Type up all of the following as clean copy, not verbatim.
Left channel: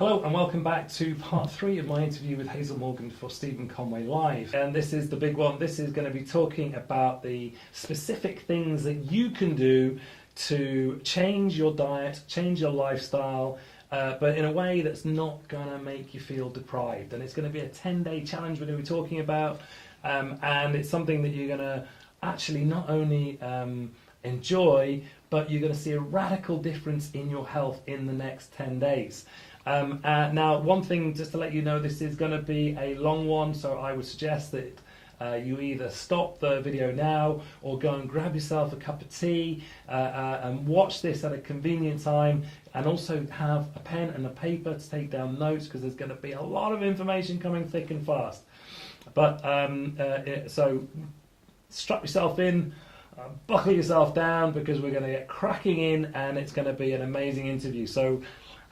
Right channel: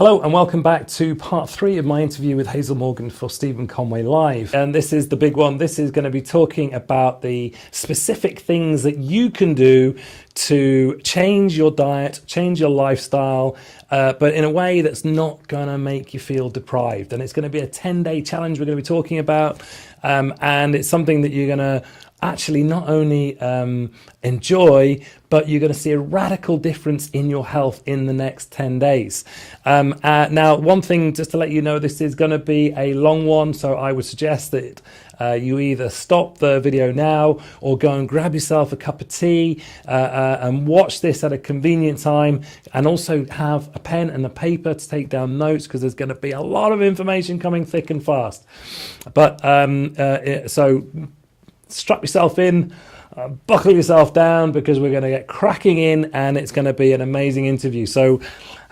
Hello and welcome back to part 3 of my interview with Hazel Morgan for Stephen Conway Live. And this is the big one. This is going to be talking about the specific things that you can do to change your diet, change your lifestyle, but in a way that's not going to make you feel deprived. And it's going to be a 10-day challenge we're going to be talking about. And it's something that you're going to actually not only enjoy, but you're going to see a radical difference in your health in the next 10 days. Now, one thing just to let you know, this is going to be a long one, so I would suggest that you either stop the video now or go and grab yourself a cup of tea and watch this at a convenient time, and also have a pen and a paper to take down notes, because there's going to be a lot of information coming thick and fast. But so strap yourself in, buckle yourself down, because we're going to get cracking in and it's going to be an amazing interview. So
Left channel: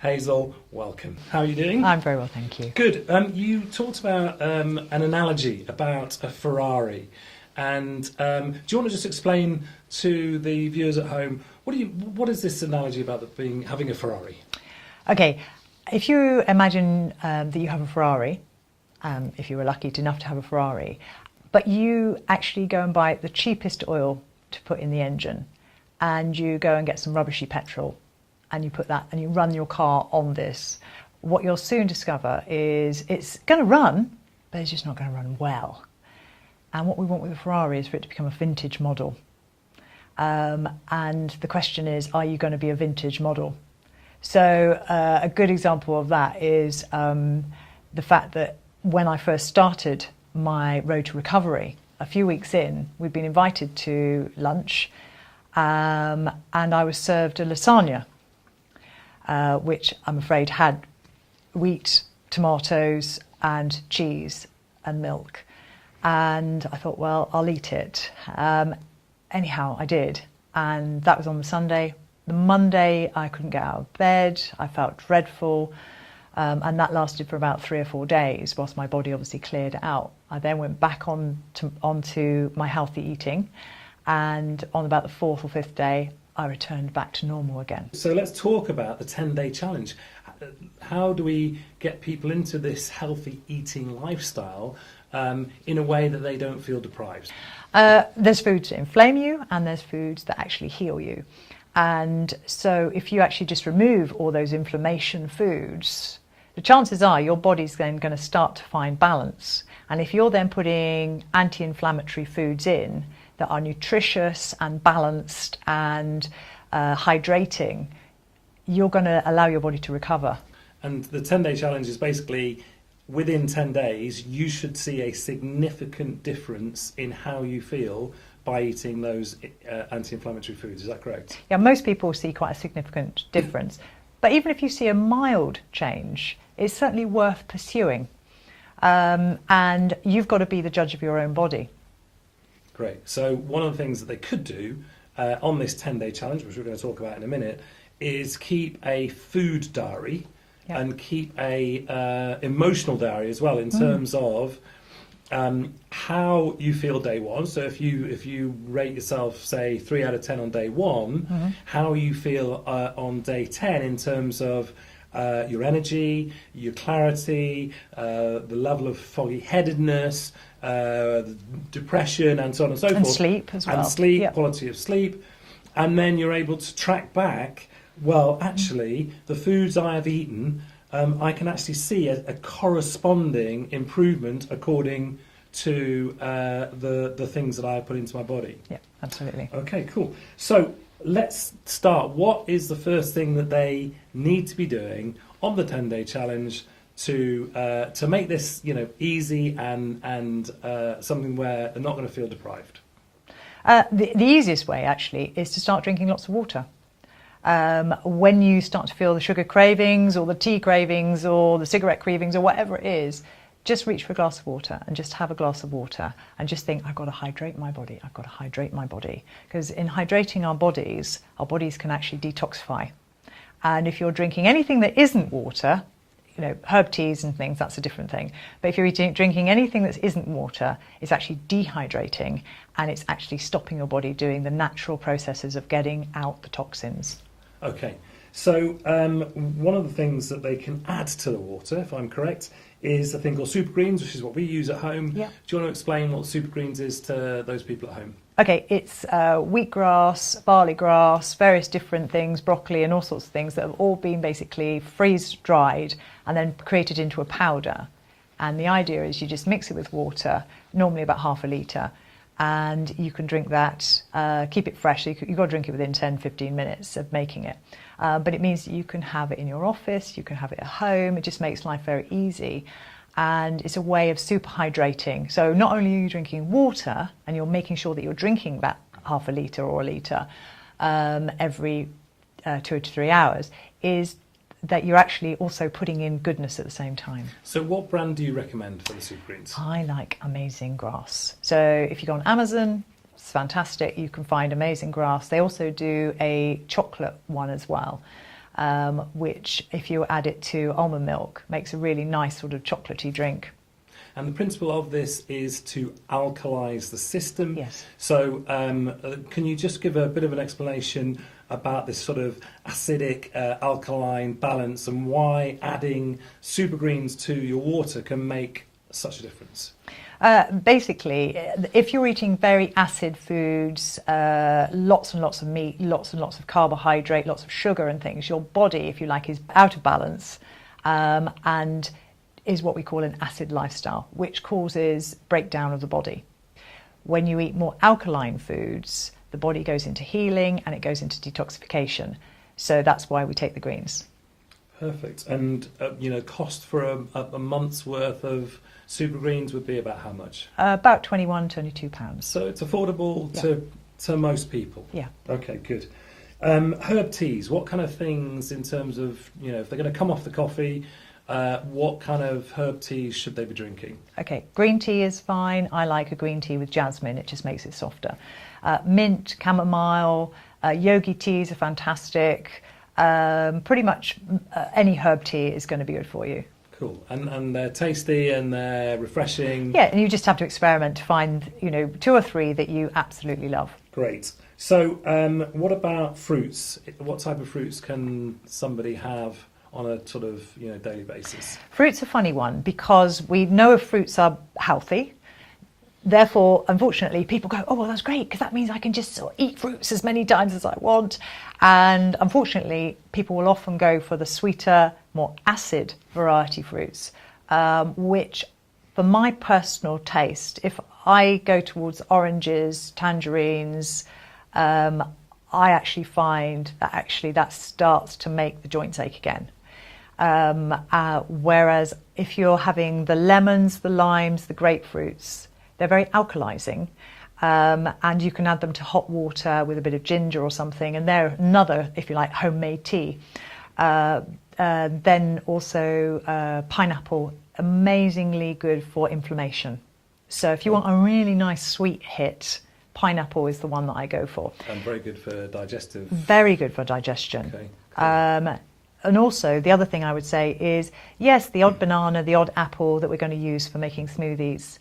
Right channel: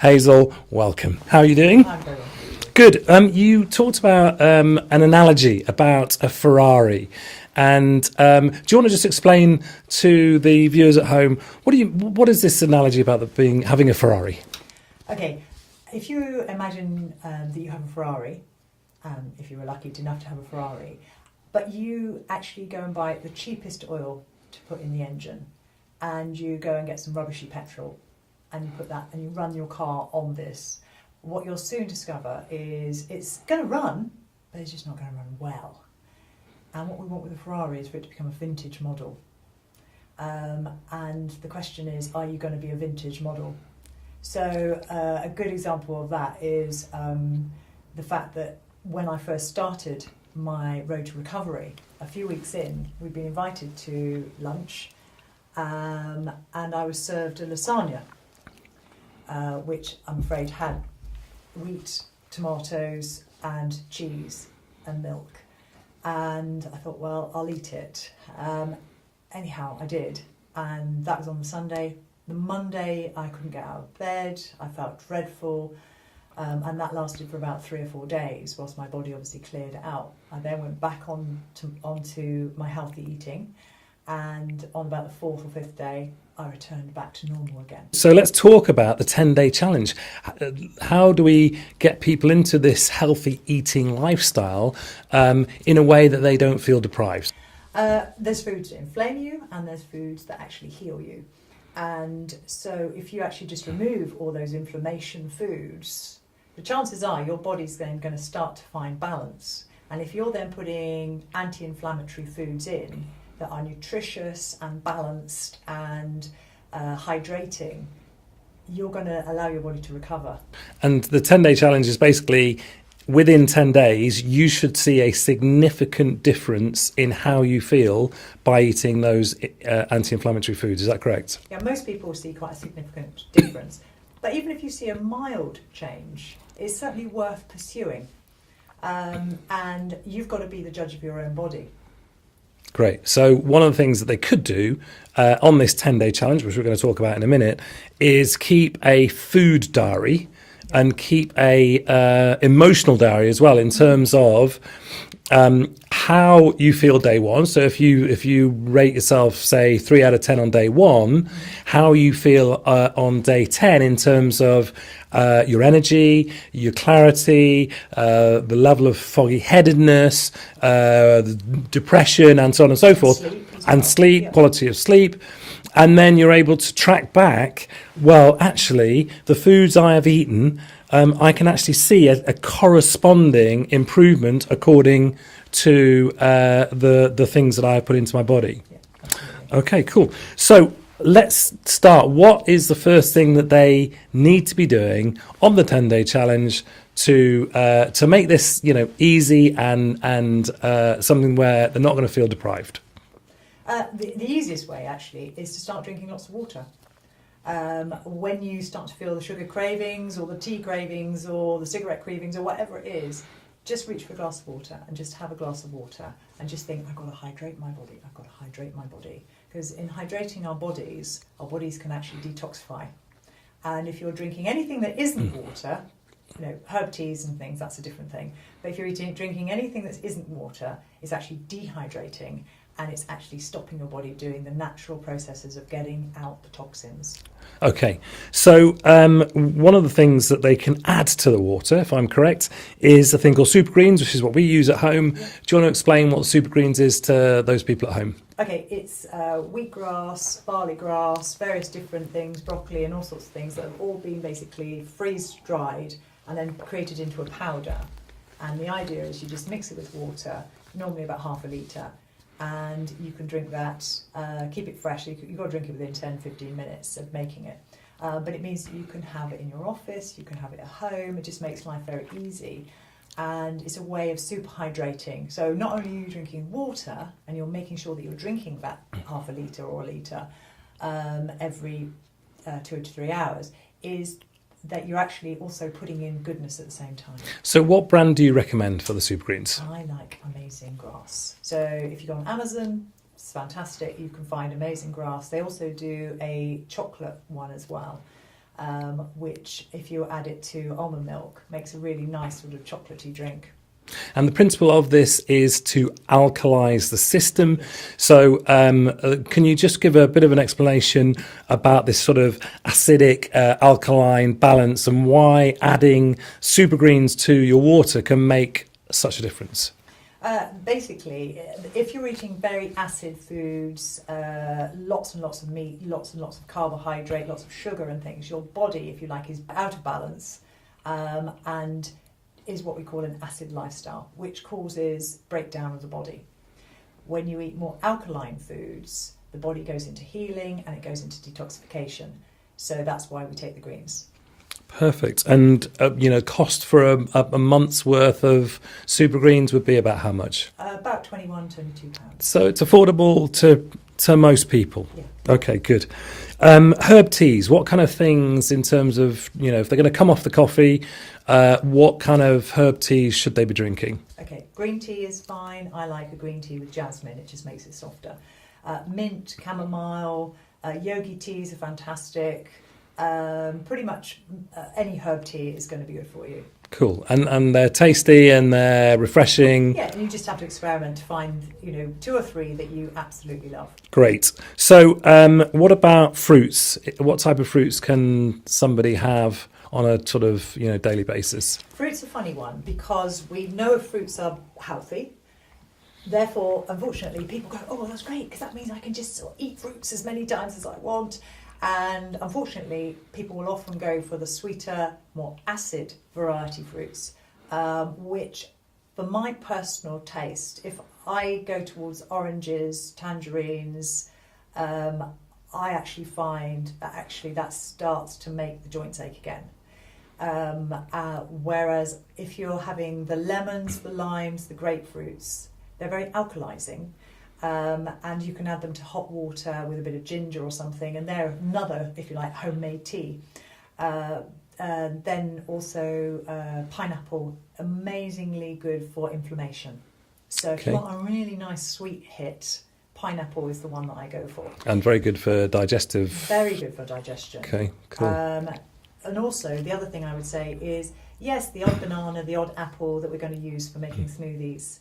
Hazel, welcome. How are you doing? I'm very well, thank you. Good. You talked about an analogy about a Ferrari. And do you want to just explain to the viewers at home, what is this analogy about having a Ferrari? Okay, if you imagine that you have a Ferrari, if you were lucky enough to have a Ferrari, but you actually go and buy the cheapest oil to put in the engine, and you go and get some rubbishy petrol, and you put that and you run your car on this, what you'll soon discover is it's going to run, but it's just not going to run well. And what we want with a Ferrari is for it to become a vintage model. And the question is, are you going to be a vintage model? So a good example of that is the fact that when I first started my road to recovery, a few weeks in, we'd been invited to lunch, and I was served a lasagna, which I'm afraid had wheat, tomatoes and cheese and milk. And I thought, well, I'll eat it. Anyhow, I did. And that was on the Sunday. The Monday, I couldn't get out of bed. I felt dreadful. And that lasted for about 3 or 4 days, whilst my body obviously cleared it out. I then went back onto my healthy eating. And on about the 4th or 5th day, I returned back to normal again. So let's talk about the 10-day challenge. How do we get people into this healthy eating lifestyle in a way that they don't feel deprived? There's foods that inflame you, and there's foods that actually heal you. And so if you actually just remove all those inflammation foods, the chances are your body's then going to start to find balance. And if you're then putting anti-inflammatory foods in that are nutritious and balanced and hydrating, you're going to allow your body to recover. And the 10-day challenge is basically, within 10 days, you should see a significant difference in how you feel by eating those anti-inflammatory foods. Is that correct? Yeah, most people see quite a significant difference. But even if you see a mild change, it's certainly worth pursuing. And you've got to be the judge of your own body. Great. So one of the things that they could do on this 10-day challenge, which we're going to talk about in a minute, is keep a food diary. Yeah. And keep a emotional diary as well, in terms of how you feel day one. So if you rate yourself, say 3 out of 10 on day one, how you feel on day 10 in terms of your energy, your clarity, the level of foggy headedness, depression, and so on and so forth. Sleep as well. And sleep, yep. Quality of sleep. And then you're able to track back, well, actually, the foods I have eaten, I can actually see a corresponding improvement according to the things that I have put into my body. Yeah, absolutely. Okay, cool. So let's start. What is the first thing that they need to be doing on the 10-day challenge to make this, easy and something where they're not going to feel deprived? The easiest way, actually, is to start drinking lots of water. When you start to feel the sugar cravings or the tea cravings or the cigarette cravings or whatever it is, just reach for a glass of water and just have a glass of water and just think, I've got to hydrate my body. I've got to hydrate my body. Because in hydrating our bodies can actually detoxify. And if you're drinking anything that isn't water, herb teas and things, that's a different thing. But if you're drinking anything that isn't water, it's actually dehydrating, and it's actually stopping your body doing the natural processes of getting out the toxins. Okay, so one of the things that they can add to the water, if I'm correct, is a thing called Supergreens, which is what we use at home. Yeah. Do you want to explain what Supergreens is to those people at home? Okay, it's wheatgrass, barley grass, various different things, broccoli and all sorts of things that have all been basically freeze-dried and then created into a powder. And the idea is you just mix it with water, normally about half a litre, and you can drink that, keep it fresh. You've got to drink it within 10-15 minutes of making it. But it means that you can have it in your office, you can have it at home. It just makes life very easy. And it's a way of super hydrating. So not only are you drinking water, and you're making sure that you're drinking about half a litre or a litre every 2 to 3 hours, is that you're actually also putting in goodness at the same time. So what brand do you recommend for the Supergreens? I like Amazing Grass. So if you go on Amazon, it's fantastic. You can find Amazing Grass. They also do a chocolate one as well, which if you add it to almond milk, makes a really nice sort of chocolatey drink. And the principle of this is to alkalise the system. Yes. So can you just give a bit of an explanation about this sort of acidic alkaline balance and why adding Supergreens to your water can make such a difference? Basically, if you're eating very acid foods, lots and lots of meat, lots and lots of carbohydrate, lots of sugar and things, your body, if you like, is out of balance and is what we call an acid lifestyle, which causes breakdown of the body. When you eat more alkaline foods, the body goes into healing and it goes into detoxification. So that's why we take the greens. Perfect. And, cost for a month's worth of Supergreens would be about how much? About £21-22. So it's affordable to most people? Yeah. Okay, good. Herb teas, what kind of things in terms of, if they're going to come off the coffee, what kind of herb teas should they be drinking? Okay, green tea is fine. I like a green tea with jasmine. It just makes it softer. Mint, chamomile, yogi teas are fantastic. Pretty much any herb tea is going to be good for you. Cool. And they're tasty and they're refreshing. Yeah, and you just have to experiment to find, 2 or 3 that you absolutely love. Great. So what about fruits? What type of fruits can somebody have on a sort of, daily basis? Fruit's a funny one because we know if fruits are healthy. Therefore, unfortunately, people go, oh, well, that's great because that means I can just sort of eat fruits as many times as I want. And unfortunately, people will often go for the sweeter, more acid variety fruits, which for my personal taste, if I go towards oranges, tangerines, I actually find that that starts to make the joints ache again. Whereas if you're having the lemons, the limes, the grapefruits, they're very alkalizing, and you can add them to hot water with a bit of ginger or something, and they're another, if you like, homemade tea. Then also pineapple, amazingly good for inflammation. So if you want a really nice sweet hit, pineapple is the one that I go for. And very good for digestive. Very good for digestion. Okay, cool. And also, the other thing I would say is, yes, the odd banana, the odd apple that we're going to use for making smoothies,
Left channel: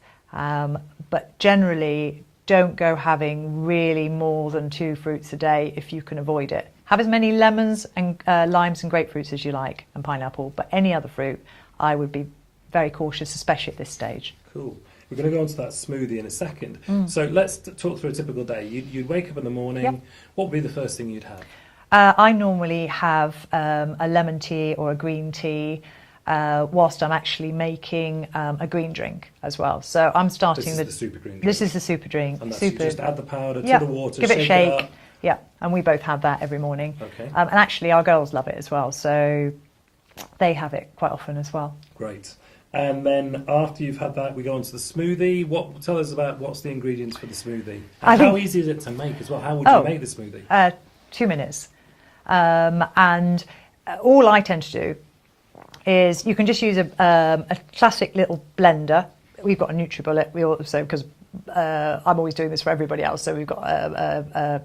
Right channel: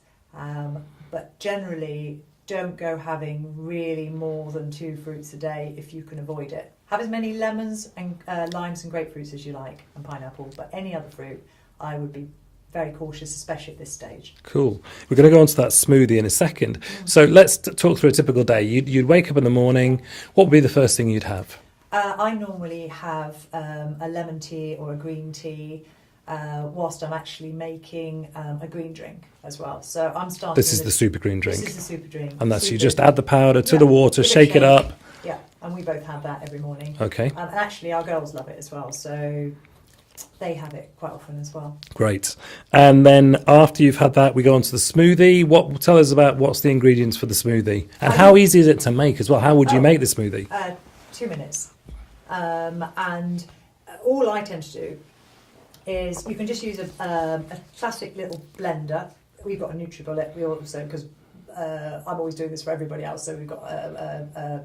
but generally don't go having really more than 2 fruits a day if you can avoid it. Have as many lemons and limes and grapefruits as you like, and pineapple, but any other fruit, I would be very cautious, especially at this stage. Cool. We're going to go on to that smoothie in a second. So let's talk through a typical day. You'd wake up in the morning. Yep. What would be the first thing you'd have? I normally have a lemon tea or a green tea whilst I'm actually making a green drink as well. So I'm starting... This is the super green drink? This is the super drink. And that's you just add the powder to the water, shake it up. Yeah, and we both have that every morning. Okay. And actually our girls love it as well, so they have it quite often as well. Great. And then after you've had that, we go on to the smoothie. Tell us about what's the ingredients for the smoothie. And how easy is it to make as well? How would you make the smoothie? 2 minutes. And all I tend to do is you can just use a classic little blender. We've got a NutriBullet. We also, because I'm always doing this for everybody else, so we've got a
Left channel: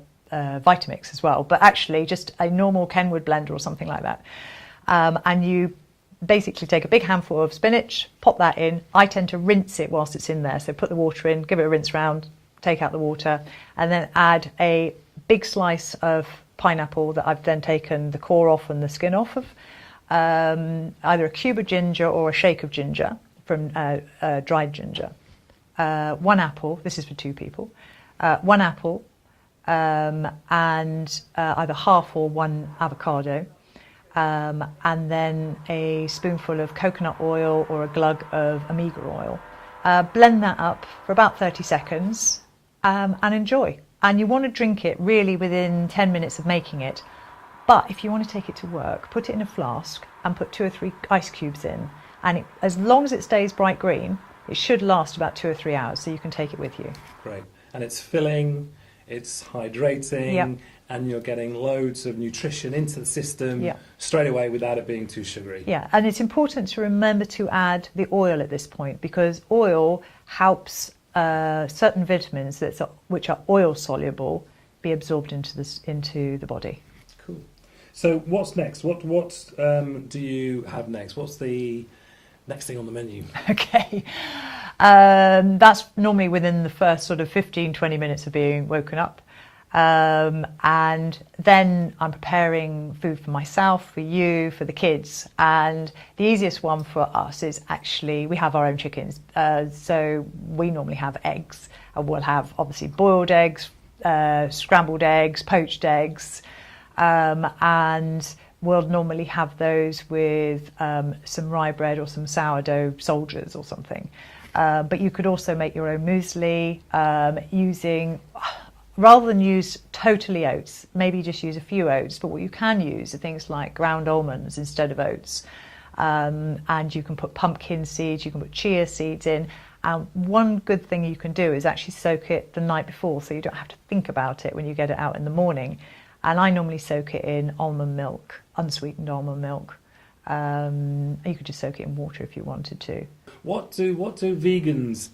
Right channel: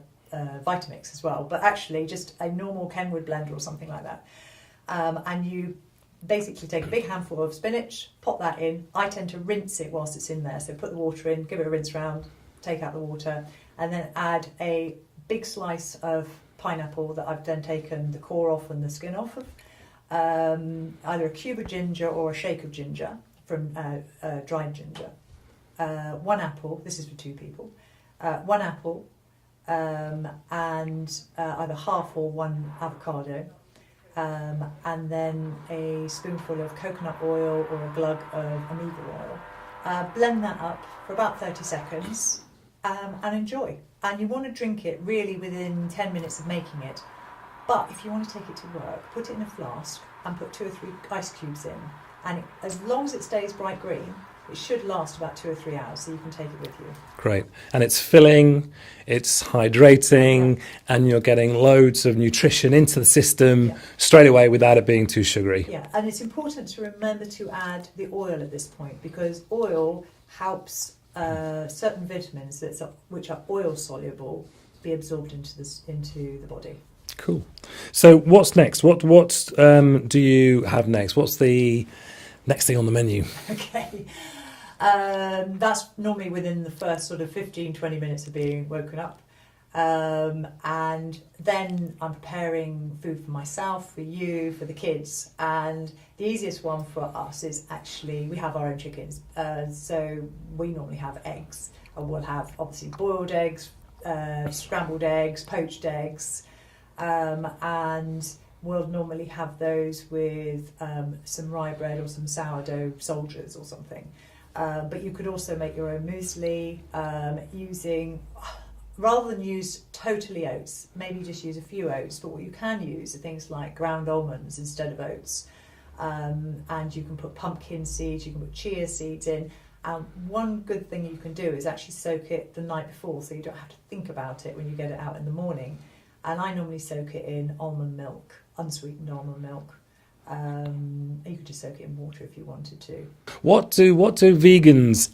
Vitamix as well. But actually, just a normal Kenwood blender or something like that. And you basically take a big handful of spinach, pop that in. I tend to rinse it whilst it's in there. So put the water in, give it a rinse round, take out the water, and then add a big slice of pineapple that I've then taken the core off and the skin off of, either a cube of ginger or a shake of ginger from dried ginger. 1 apple, this is for 2 people, 1 apple, and either half or 1 avocado, and then a spoonful of coconut oil or a glug of omega oil. Blend that up for about 30 seconds and enjoy. And you want to drink it really within 10 minutes of making it. But if you want to take it to work, put it in a flask and put 2 or 3 ice cubes in. And as long as it stays bright green, it should last about 2 or 3 hours, so you can take it with you. Great. And it's filling, it's hydrating, and you're getting loads of nutrition into the system straight away without it being too sugary. Yeah, and it's important to remember to add the oil at this point, because oil helps certain vitamins which are oil soluble be absorbed into the body. Cool. So what's next? What do you have next? What's the next thing on the menu? Okay. That's normally within the first sort of 15-20 minutes of being woken up. And then I'm preparing food for myself, for you, for the kids. And the easiest one for us is actually, we have our own chickens. So we normally have eggs. And we'll have obviously boiled eggs, scrambled eggs, poached eggs. And we'll normally have those with some rye bread or some sourdough soldiers or something. But you could also make your own muesli using, rather than use totally oats, maybe just use a few oats. But what you can use are things like ground almonds instead of oats. And you can put pumpkin seeds, you can put chia seeds in. And one good thing you can do is actually soak it the night before, so you don't have to think about it when you get it out in the morning. And I normally soak it in almond milk, unsweetened almond milk. You could just soak it in water if you wanted to. What do vegans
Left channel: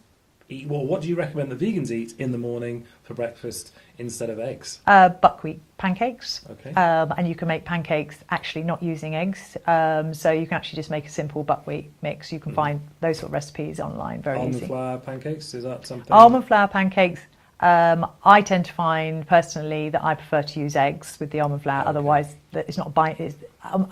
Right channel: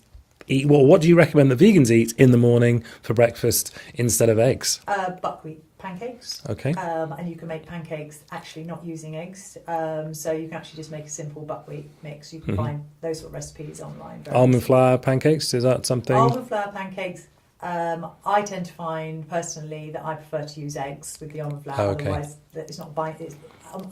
eat? Well, what do you recommend that vegans eat in the morning for breakfast instead of eggs? Buckwheat pancakes. Okay. And you can make pancakes actually not using eggs. So you can actually just make a simple buckwheat mix. You can find those sort of recipes online very Almond easily. flour pancakes, is that something? Almond flour pancakes. I tend to find personally that I prefer to use eggs with the almond flour. Okay. Otherwise, it's not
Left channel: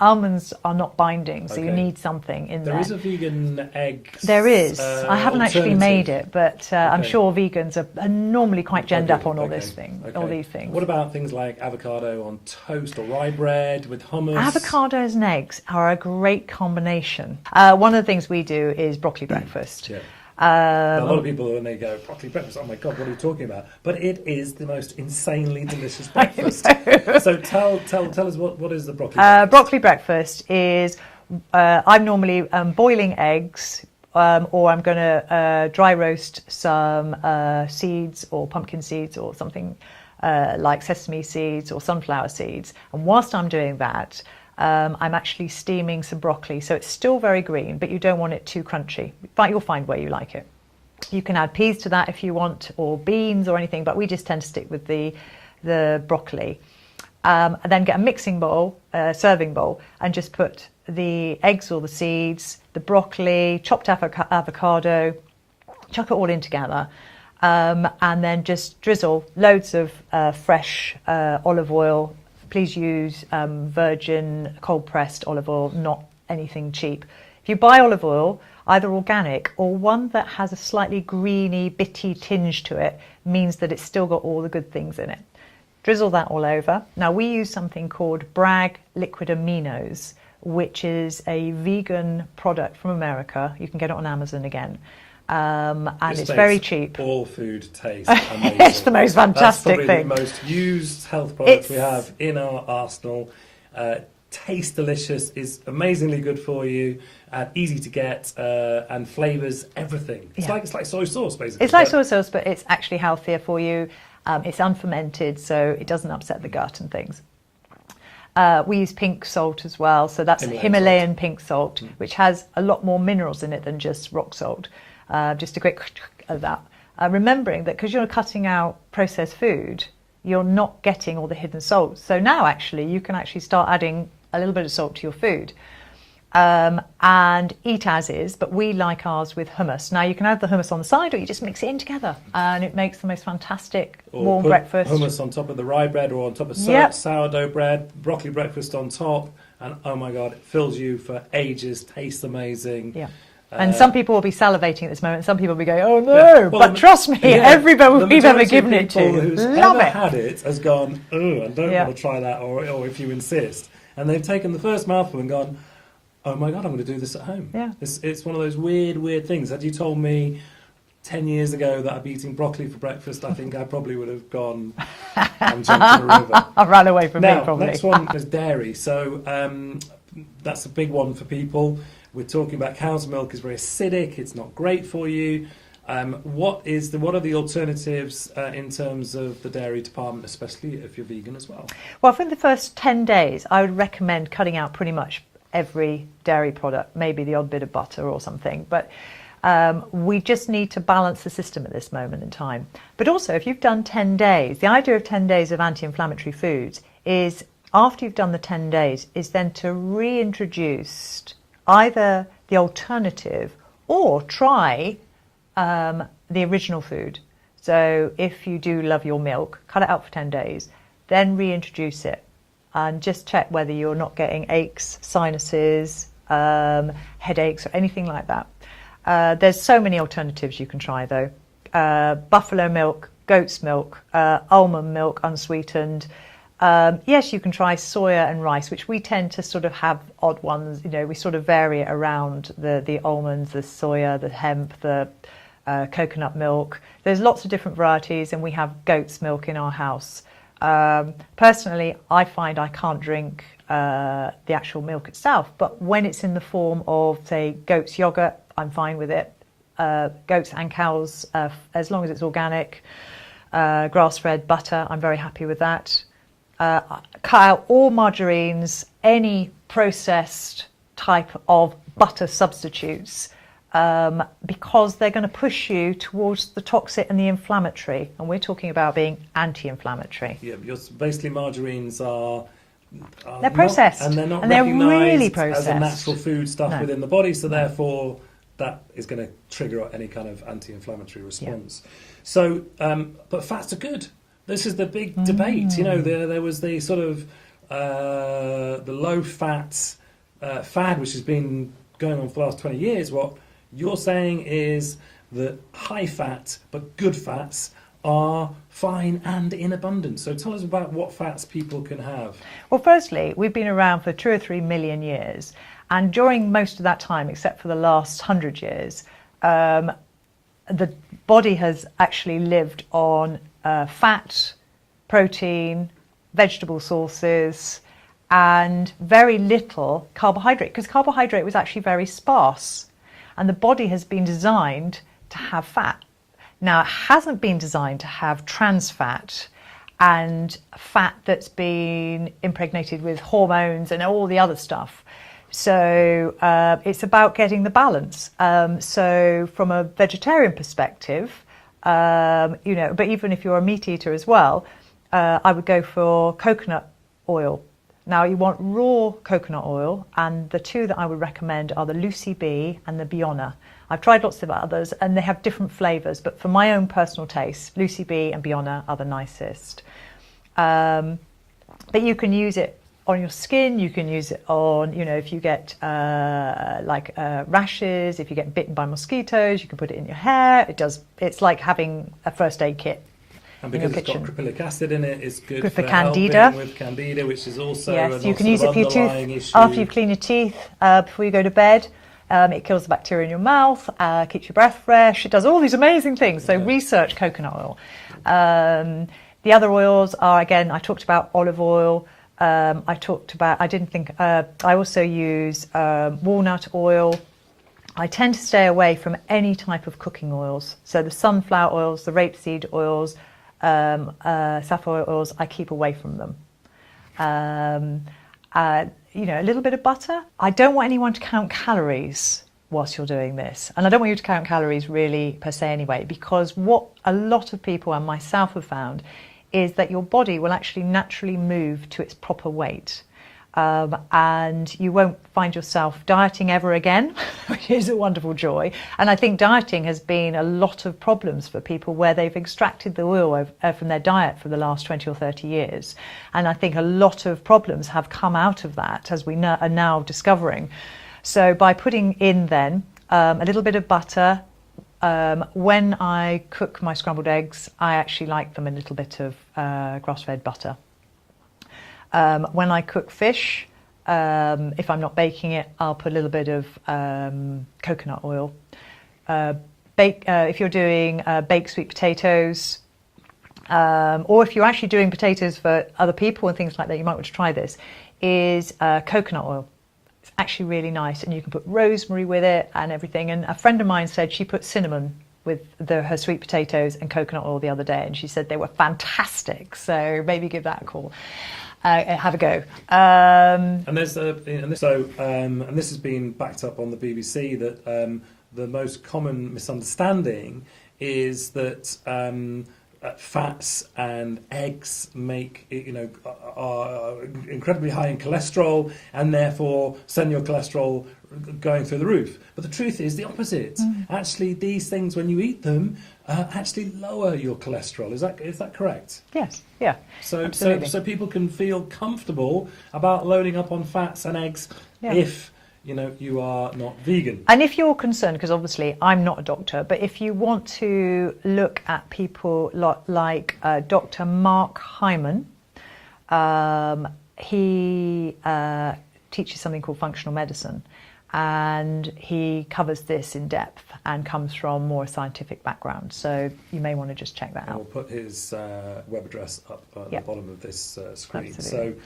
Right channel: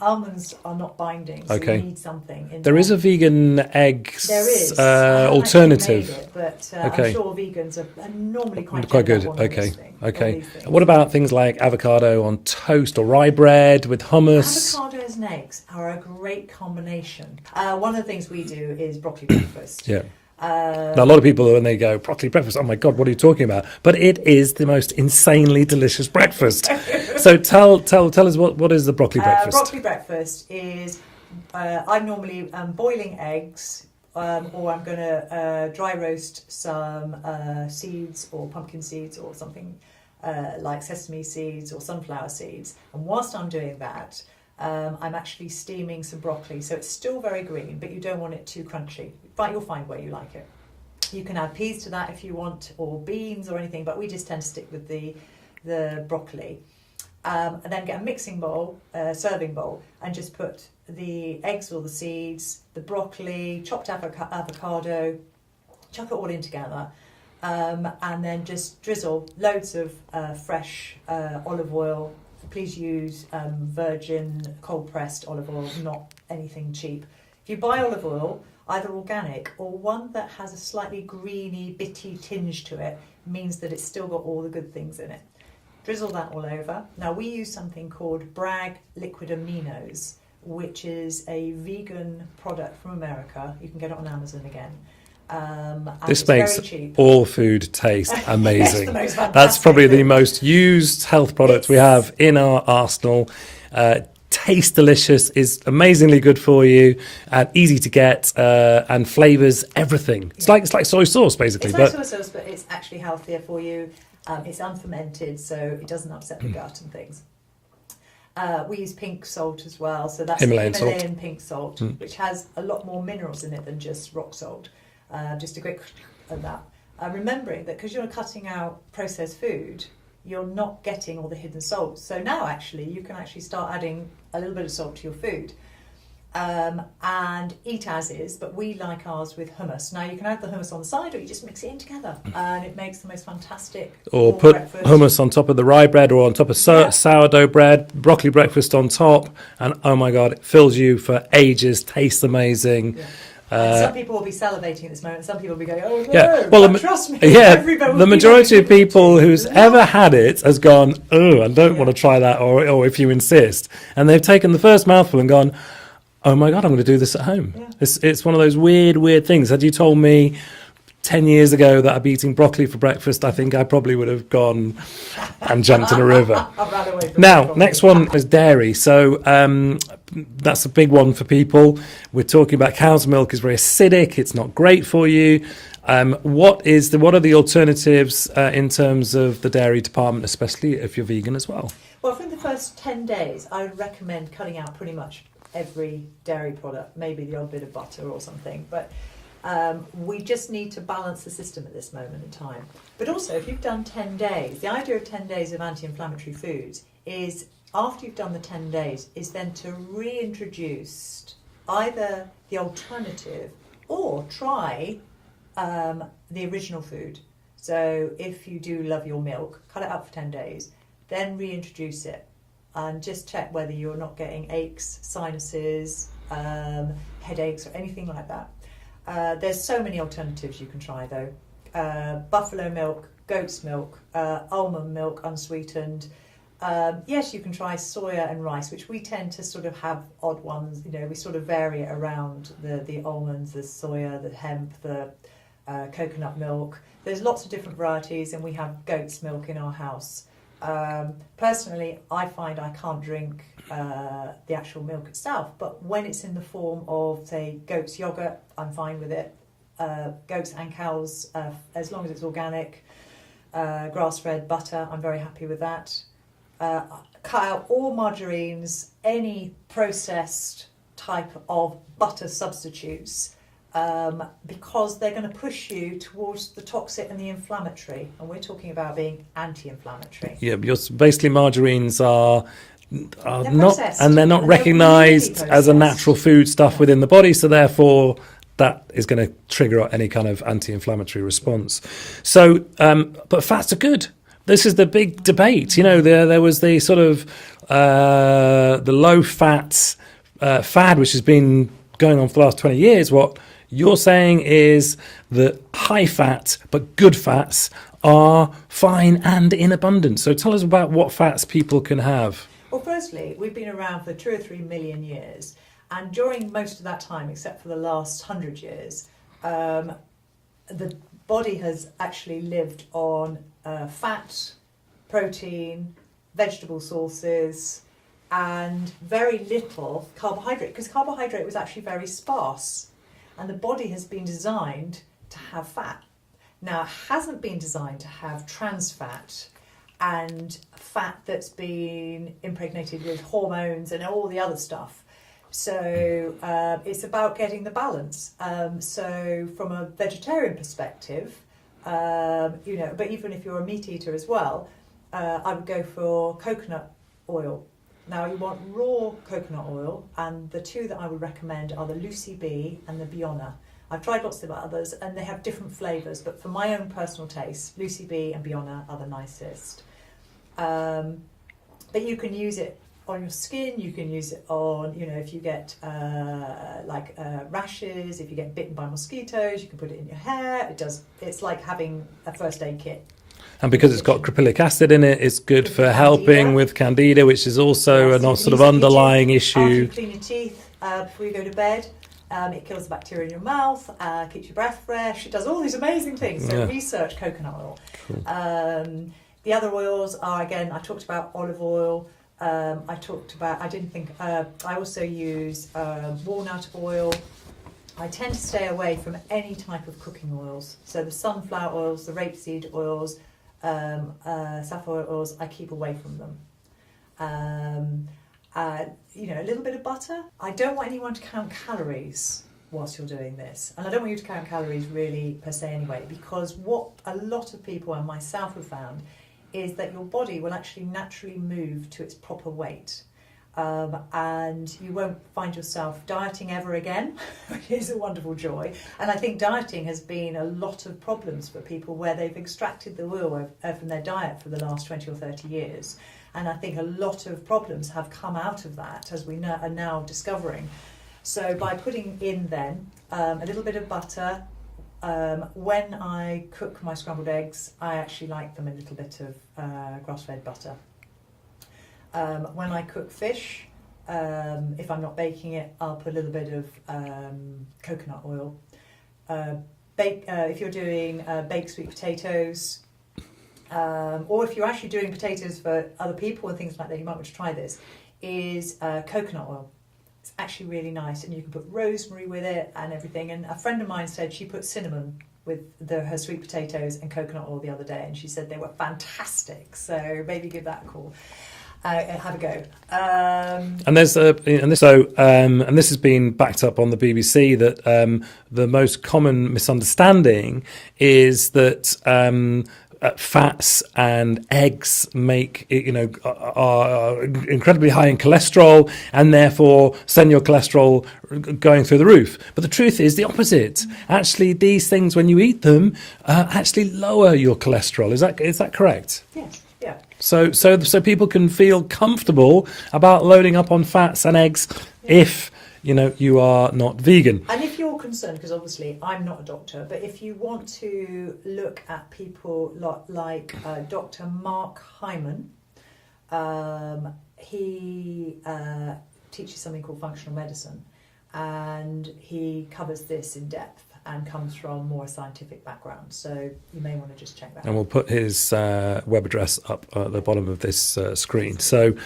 almonds are not binding, so you need something in there. There is a vegan eggs There is. I haven't alternative. actually made it, but I'm sure vegans are normally quite genned up on all these things. What about things like avocado on toast or rye bread with hummus? Avocados and eggs are a great combination. One of the things we do is broccoli breakfast. Yeah. Now, a lot of people, when they go, broccoli breakfast, oh my God, what are you talking about? But it is the most insanely delicious breakfast. So tell us what is the broccoli breakfast? Broccoli breakfast is, I'm normally boiling eggs, or I'm going to dry roast some seeds or pumpkin seeds or something like sesame seeds or sunflower seeds. And whilst I'm doing that, I'm actually steaming some broccoli, so it's still very green, but you don't want it too crunchy. But you'll find where you like it. You can add peas to that if you want, or beans or anything, but we just tend to stick with the broccoli. And then get a mixing bowl, serving bowl, and just put the eggs or the seeds, the broccoli, chopped avocado, chuck it all in together, and then just drizzle loads of fresh olive oil. Please use virgin cold-pressed olive oil, not anything cheap. If you buy olive oil, either organic or one that has a slightly greeny, bitty tinge to it, means that it's still got all the good things in it. Drizzle that all over. Now, we use something called Bragg Liquid Aminos, which is a vegan product from America. You can get it on Amazon again. And this it's makes very cheap. All food taste amazing. It's the most fantastic That's probably thing. the most used health product we have in our arsenal. Tastes delicious, is amazingly good for you, and easy to get, and flavours everything. It's like soy sauce, basically. It's like soy sauce, but it's actually healthier for you. It's unfermented, so it doesn't upset the gut and things. We use pink salt as well, so that's Himalayan pink salt, which has a lot more minerals in it than just rock salt. Just a quick of that. Remembering that because you're cutting out processed food, you're not getting all the hidden salts. So now actually you can actually start adding a little bit of salt to your food. and eat as is, but we like ours with hummus. Now you can have the hummus on the side, or you just mix it in together, and it makes the most fantastic warm put breakfast. Hummus on top of the rye bread or on top of sourdough bread, broccoli breakfast on top, and oh my God, it fills you for ages, tastes amazing. Yeah. And some people will be salivating at this moment. Some people will be going, "Oh no!" Yeah. Well, but trust me, everybody. The majority of people who's ever it. had it has gone, "Oh, I don't want to try that," or if you insist, and they've taken the first mouthful and gone, "Oh my God, I'm going to do this at home." Yeah. It's one of those weird things. Had you told me 10 years ago that I'd be eating broccoli for breakfast, I think I probably would have gone and jumped in a river. I ran away from it. Now, next one is dairy. So that's a big one for people. We're talking about cow's milk is very acidic. It's not great for you. What are the alternatives in terms of the dairy department, especially if you're vegan as well? Well, for the first 10 days, I would recommend cutting out pretty much every dairy product, maybe the odd bit of butter or something. But we just need to balance the system at this moment in time. But also, if you've done 10 days, the idea of 10 days of anti-inflammatory foods is, after you've done the 10 days, is then to reintroduce either the alternative or try the original food. So if you do love your milk, cut it out for 10 days, then reintroduce it and just check whether you're not getting aches, sinuses, headaches or anything like that. There's so many alternatives you can try though. Buffalo milk, goat's milk, almond milk unsweetened. Yes, you can try soya and rice, which we tend to sort of have odd ones. You know, we sort of vary it around the almonds, the soya, the hemp, the coconut milk. There's lots of different varieties, and we have goat's milk in our house. Personally, I find I can't drink the actual milk itself, but when it's in the form of, say, goat's yogurt, I'm fine with it. Goats and cows, as long as it's organic, grass-fed butter, I'm very happy with that. Cut out all margarines, any processed type of butter substitutes, because they're going to push you towards the toxic and the inflammatory, and we're talking about being anti-inflammatory. Yeah, because basically margarines are they're processed, and they're not recognised as a natural food stuff within the body, so therefore that is going to trigger any kind of anti-inflammatory response. Yeah. So, but fats are good. This is the big debate. You know, there was the sort of the low fat fad, which has been going on for the last 20 years. What you're saying is that high fat but good fats are fine and in abundance. So tell us about what fats people can have. Well, firstly, we've been around for 2 or 3 million years. And during most of that time, except for the last 100 years, the body has actually lived on fat, protein, vegetable sources, and very little carbohydrate, because carbohydrate was actually very sparse. And the body has been designed to have fat. Now, it hasn't been designed to have trans fat and fat that's been impregnated with hormones and all the other stuff. So it's about getting the balance. So from a vegetarian perspective, you know, but even if you're a meat eater as well, I would go for coconut oil. Now you want raw coconut oil, and the two that I would recommend are the Lucy Bee and the Bionna. I've tried lots of others and they have different flavours, but for my own personal taste, Lucy Bee and Bionna are the nicest. But you can use it on your skin, you can use it on, you know, if you get rashes, if you get bitten by mosquitoes, you can put it in your hair. It's like having a first aid kit. And because it's got caprylic acid in it, it's good for helping with candida, which is also a sort of underlying issue. After you clean your teeth, before you go to bed, it kills the bacteria in your mouth, keeps your breath fresh. It does all these amazing things. So research coconut oil. Cool. The other oils are, again, I talked about olive oil. I also use walnut oil. I tend to stay away from any type of cooking oils. So the sunflower oils, the rapeseed oils, safflower oils, I keep away from them. You know, a little bit of butter. I don't want anyone to count calories whilst you're doing this. And I don't want you to count calories really per se anyway, because what a lot of people and myself have found is that your body will actually naturally move to its proper weight. and you won't find yourself dieting ever again, which is a wonderful joy. And I think dieting has been a lot of problems for people where they've extracted the oil from their diet for the last 20 or 30 years. And I think a lot of problems have come out of that, as we are now discovering. So by putting in then a little bit of butter, when I cook my scrambled eggs, I actually like them a little bit of grass-fed butter. When I cook fish, if I'm not baking it, I'll put a little bit of coconut oil. If you're doing baked sweet potatoes, or if you're actually doing potatoes for other people and things like that, you might want to try this, is coconut oil. It's actually really nice, and you can put rosemary with it and everything. And a friend of mine said she put cinnamon with her sweet potatoes and coconut oil the other day, and she said they were fantastic. So maybe give that a call. Have a go. And this has been backed up on the BBC that the most common misunderstanding is that fats and eggs are incredibly high in cholesterol, and therefore send your cholesterol going through the roof. But the truth is the opposite. Actually, these things, when you eat them, actually lower your cholesterol. Is that correct? Yes. Yeah. So people can feel comfortable about loading up on fats and eggs if you are not vegan. And if you're concerned, because obviously I'm not a doctor, but if you want to look at people like Dr. Mark Hyman, he teaches something called functional medicine, and he covers this in depth and comes from more scientific background. So you may want to just check that out. And we'll put his web address up at the bottom of this screen. Absolutely.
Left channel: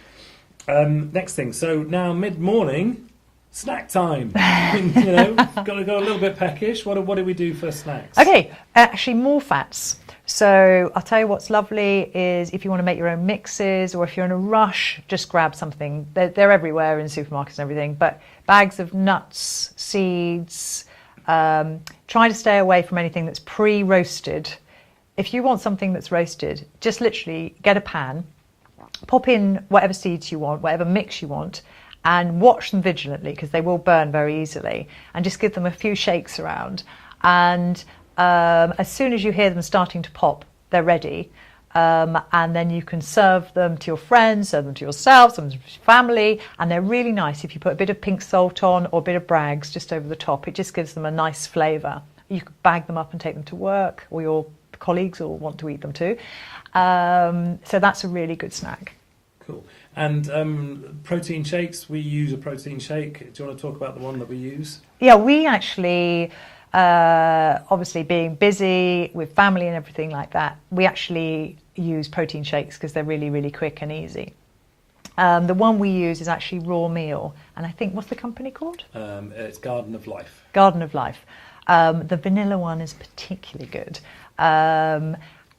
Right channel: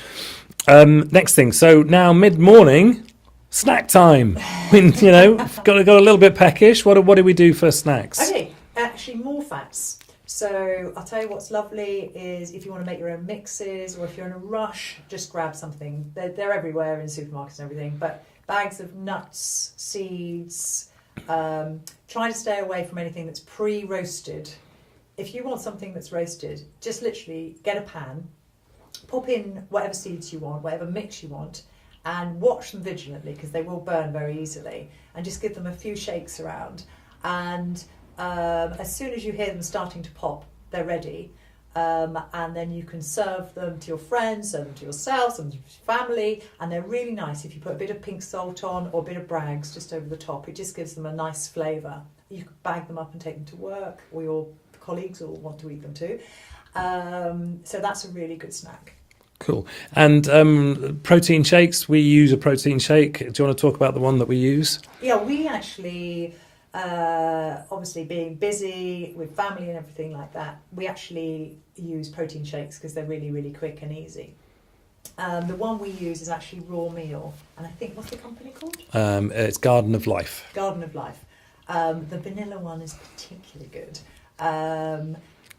So next thing, so now mid-morning, snack time. got a little bit peckish. What do we do for snacks? Okay, actually more fats. So I'll tell you what's lovely is if you want to make your own mixes, or if you're in a rush, just grab something. They're everywhere in supermarkets and everything, but bags of nuts, seeds. Try to stay away from anything that's pre-roasted. If you want something that's roasted, just literally get a pan, pop in whatever seeds you want, whatever mix you want, and watch them vigilantly, because they will burn very easily, and just give them a few shakes around. And as soon as you hear them starting to pop, they're ready. And then you can serve them to your friends, serve them to yourself, serve them to your family, and they're really nice if you put a bit of pink salt on or a bit of Bragg's just over the top. It just gives them a nice flavour. You could bag them up and take them to work, or your colleagues will want to eat them too. So that's a really good snack. Cool. And protein shakes, we use a protein shake. Do you want to talk about the one that we use? Yeah, we actually, obviously being busy with family and everything like that, we actually use protein shakes because they're really, really quick and easy. The one we use is actually Raw Meal, and I think, what's the company called? It's Garden of Life. Garden of Life. The vanilla one is particularly good.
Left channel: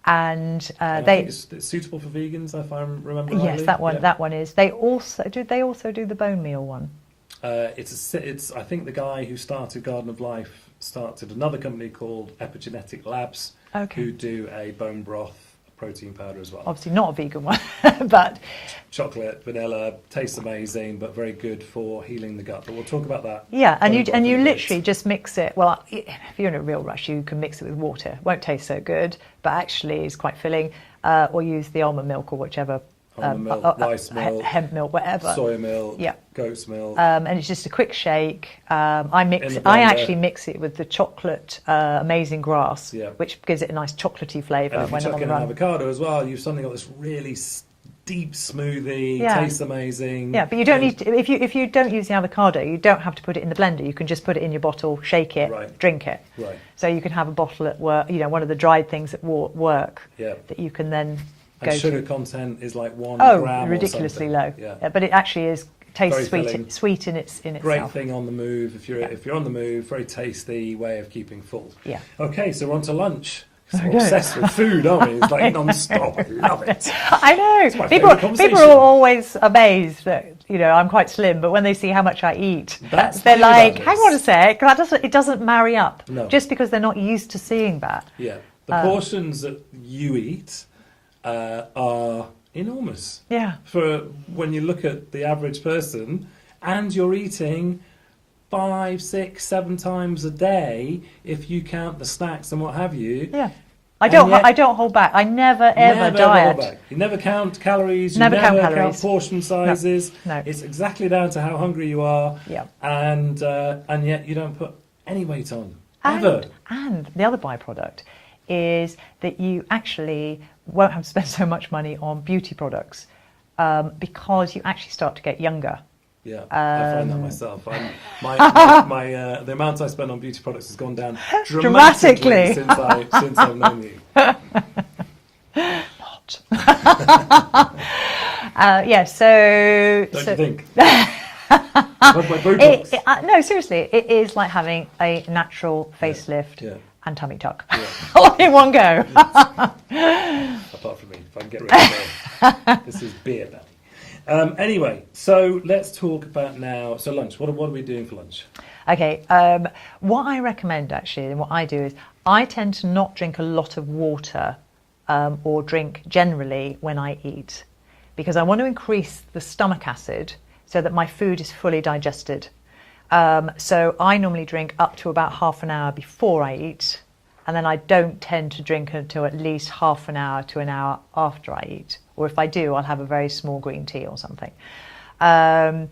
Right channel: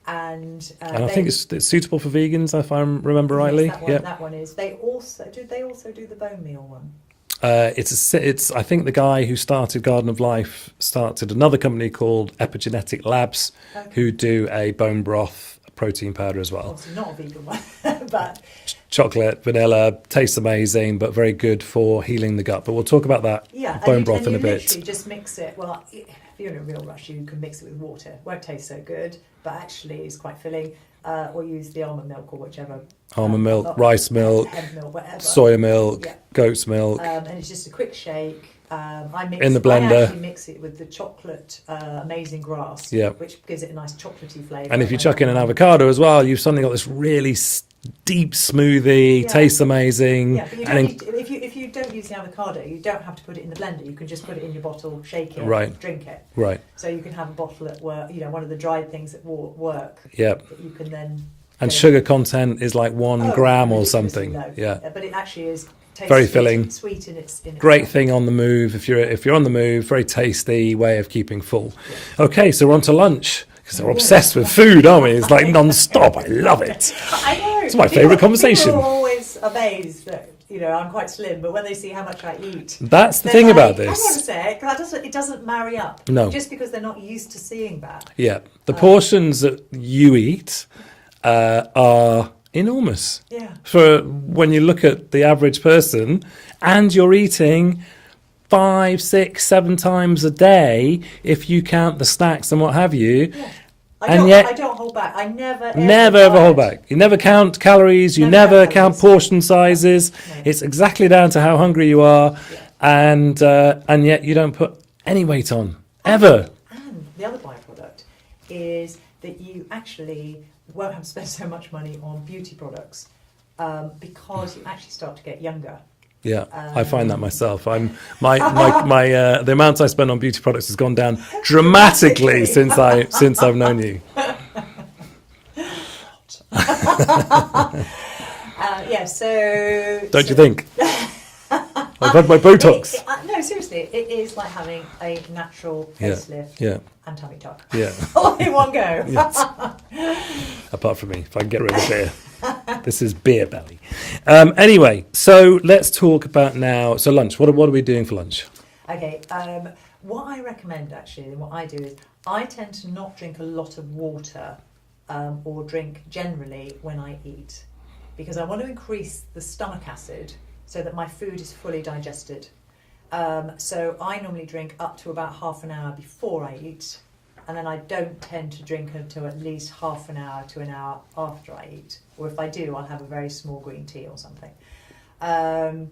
And I think it's suitable for vegans, if I remember rightly. Yes, that one is. They also do the bone meal one. It's I think the guy who started Garden of Life started another company called Epigenetic Labs, who do a bone broth protein powder as well. Obviously not a vegan one, but chocolate, vanilla, tastes amazing, but very good for healing the gut. But we'll talk about that. Yeah, and you literally just mix it. Well, if you're in a real rush, you can mix it with water. It won't taste so good, but actually it's quite filling. Or use the almond milk or whichever. Almond milk, rice milk, hemp milk, whatever. Soya milk, goat's milk. And it's just a quick shake. I in the blender. I actually mix it with the chocolate Amazing Grass, which gives it a nice chocolatey flavour. And if you chuck in an avocado as well, you've suddenly got this really deep smoothie, tastes amazing. Yeah, but you don't need to, if you don't use the avocado, you don't have to put it in the blender. You can just put it in your bottle, shake it, drink it. Right. So you can have a bottle at work, one of the dried things at work that you can then... And sugar content is like 1 gram or something. Low. Yeah, but it actually is tastes very sweet, filling, sweet in itself. Great thing on the move if you're on the move. Very tasty way of keeping full. Yeah. Okay, so we're on to lunch. Because we're obsessed with food, aren't we? It's like non-stop. I love it. I know. It's my favourite conversation. People are always amazed that I'm quite slim, but when they see how much I eat, that's the thing about this. Hang on a sec, it doesn't marry up. No. Just because they're not used to seeing that. Yeah, the portions that you eat are enormous. Yeah. For when you look at the average person, and you're eating 5, 6, 7 times a day if you count the snacks and what have you. Yeah. And yet- I don't hold back. I never ever Never diet. ever hold back. You never count calories. You Never never count count calories. portion sizes. No. It's exactly down to how hungry you are, Yeah. and yet you don't put any weight on ever. And the other byproduct is that you actually won't have to spend so much money on beauty products because you actually start to get younger. Yeah, I find that myself. The amount I spend on beauty products has gone down dramatically since I've known you. Don't you think? I've had my Botox. No, seriously, it is like having a natural facelift and tummy tuck all in one go. Apart from me, if I can get rid of beer. This is beer belly. Anyway, so let's talk about now. So lunch, what are we doing for lunch? Okay, what I recommend actually, and what I do is I tend to not drink a lot of water or drink generally when I eat, because I want to increase the stomach acid so that my food is fully digested. So I normally drink up to about half an hour before I eat, and then I don't tend to drink until at least half an hour to an hour after I eat. Or if I do, I'll have a very small green tea or something. And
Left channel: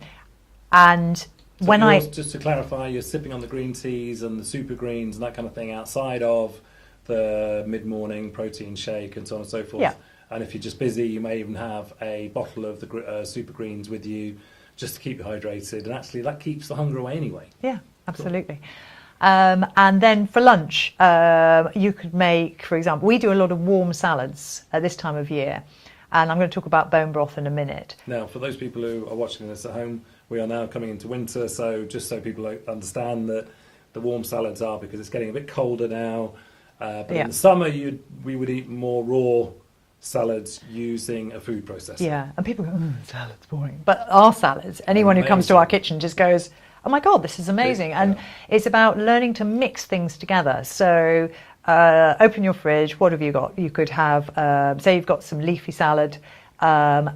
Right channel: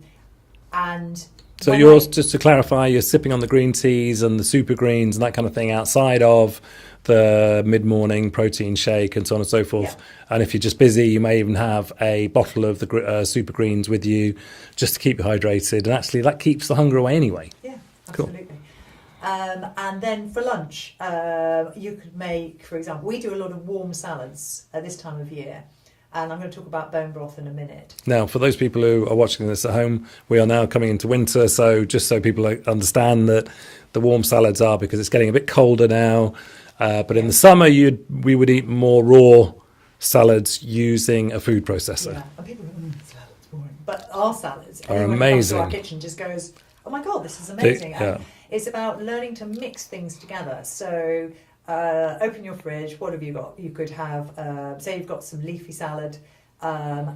so yours, just to clarify, you're sipping on the green teas and the Supergreens and that kind of thing outside of the mid-morning protein shake and so on and so forth. Yeah. And if you're just busy, you may even have a bottle of the Supergreens with you just to keep you hydrated. And actually, that keeps the hunger away anyway. Yeah, absolutely. Cool. And then for lunch, you could make, for example, we do a lot of warm salads at this time of year. And I'm going to talk about bone broth in a minute. Now, for those people who are watching this at home, we are now coming into winter. So just so people understand that the warm salads are because it's getting a bit colder now. But in the summer, we would eat more raw salads using a food processor. Yeah, and people go, salad's boring. But our salads, anyone who comes to our kitchen just goes, oh my God, this is amazing. And it's about learning to mix things together. So open your fridge, what have you got? You could have, say you've got some leafy salad,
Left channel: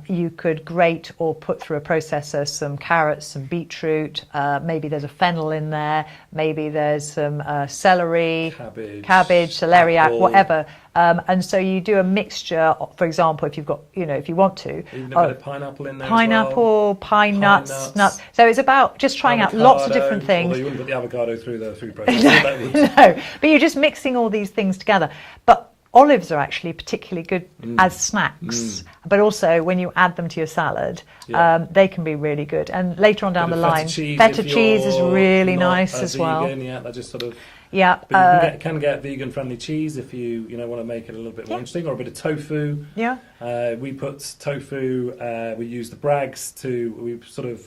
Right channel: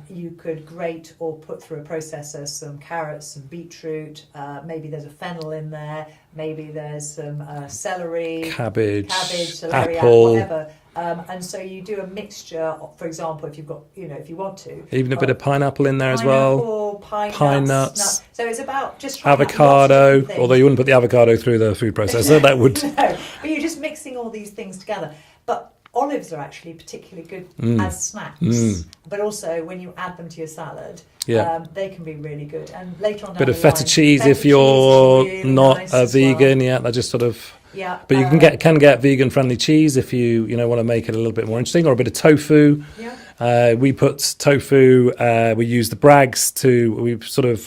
you could grate or put through a processor some carrots, some beetroot, maybe there's a fennel in there, maybe there's some celery, cabbage, celeriac, apple. Whatever. And so you do a mixture, for example, if you've got, if you want to. Even a bit of pineapple in there as well. Pineapple, pine nuts. So it's about just trying out lots of different things. Although you wouldn't put the avocado through the food processor, that would. No, but you're just mixing all these things together. But olives are actually particularly good as snacks, but also when you add them to your salad, they can be really good. And later on down the line, feta cheese if you're really not nice a vegan. well. Yeah, that just sort of. Yeah, but you can get vegan friendly cheese if you want to make it a little bit more interesting, or a bit of tofu. Yeah. We put tofu. We use the brags we sort of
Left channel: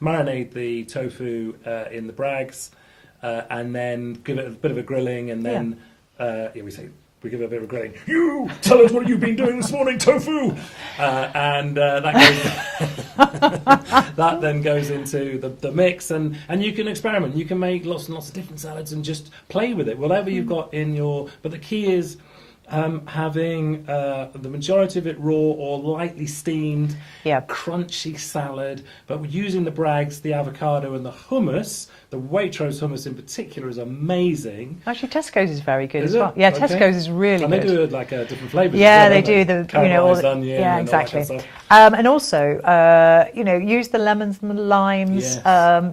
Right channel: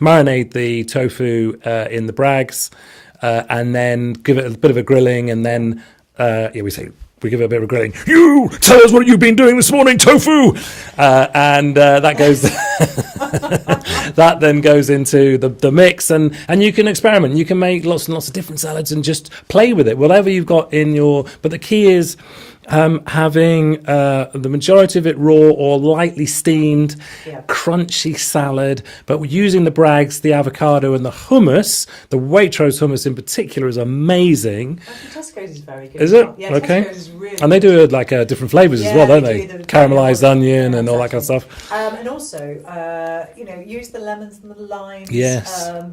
marinate the tofu in the brags, and then give it a bit of a grilling, and then we give it a bit of a grilling. You tell us what you've been doing this morning, tofu, and that goes. That then goes into the mix, and you can experiment. You can make lots and lots of different salads and just play with it, whatever you've got in your. But the key is having the majority of it raw or lightly steamed, crunchy salad. But we're using the brags, the avocado, and the hummus. The Waitrose hummus in particular is amazing. Actually, Tesco's is very good. Is it? Yeah, okay. Tesco's is really and good. they do different flavours as well, don't they? The caramelised onion and all that kind of stuff. And also, use the lemons and the limes. Yes.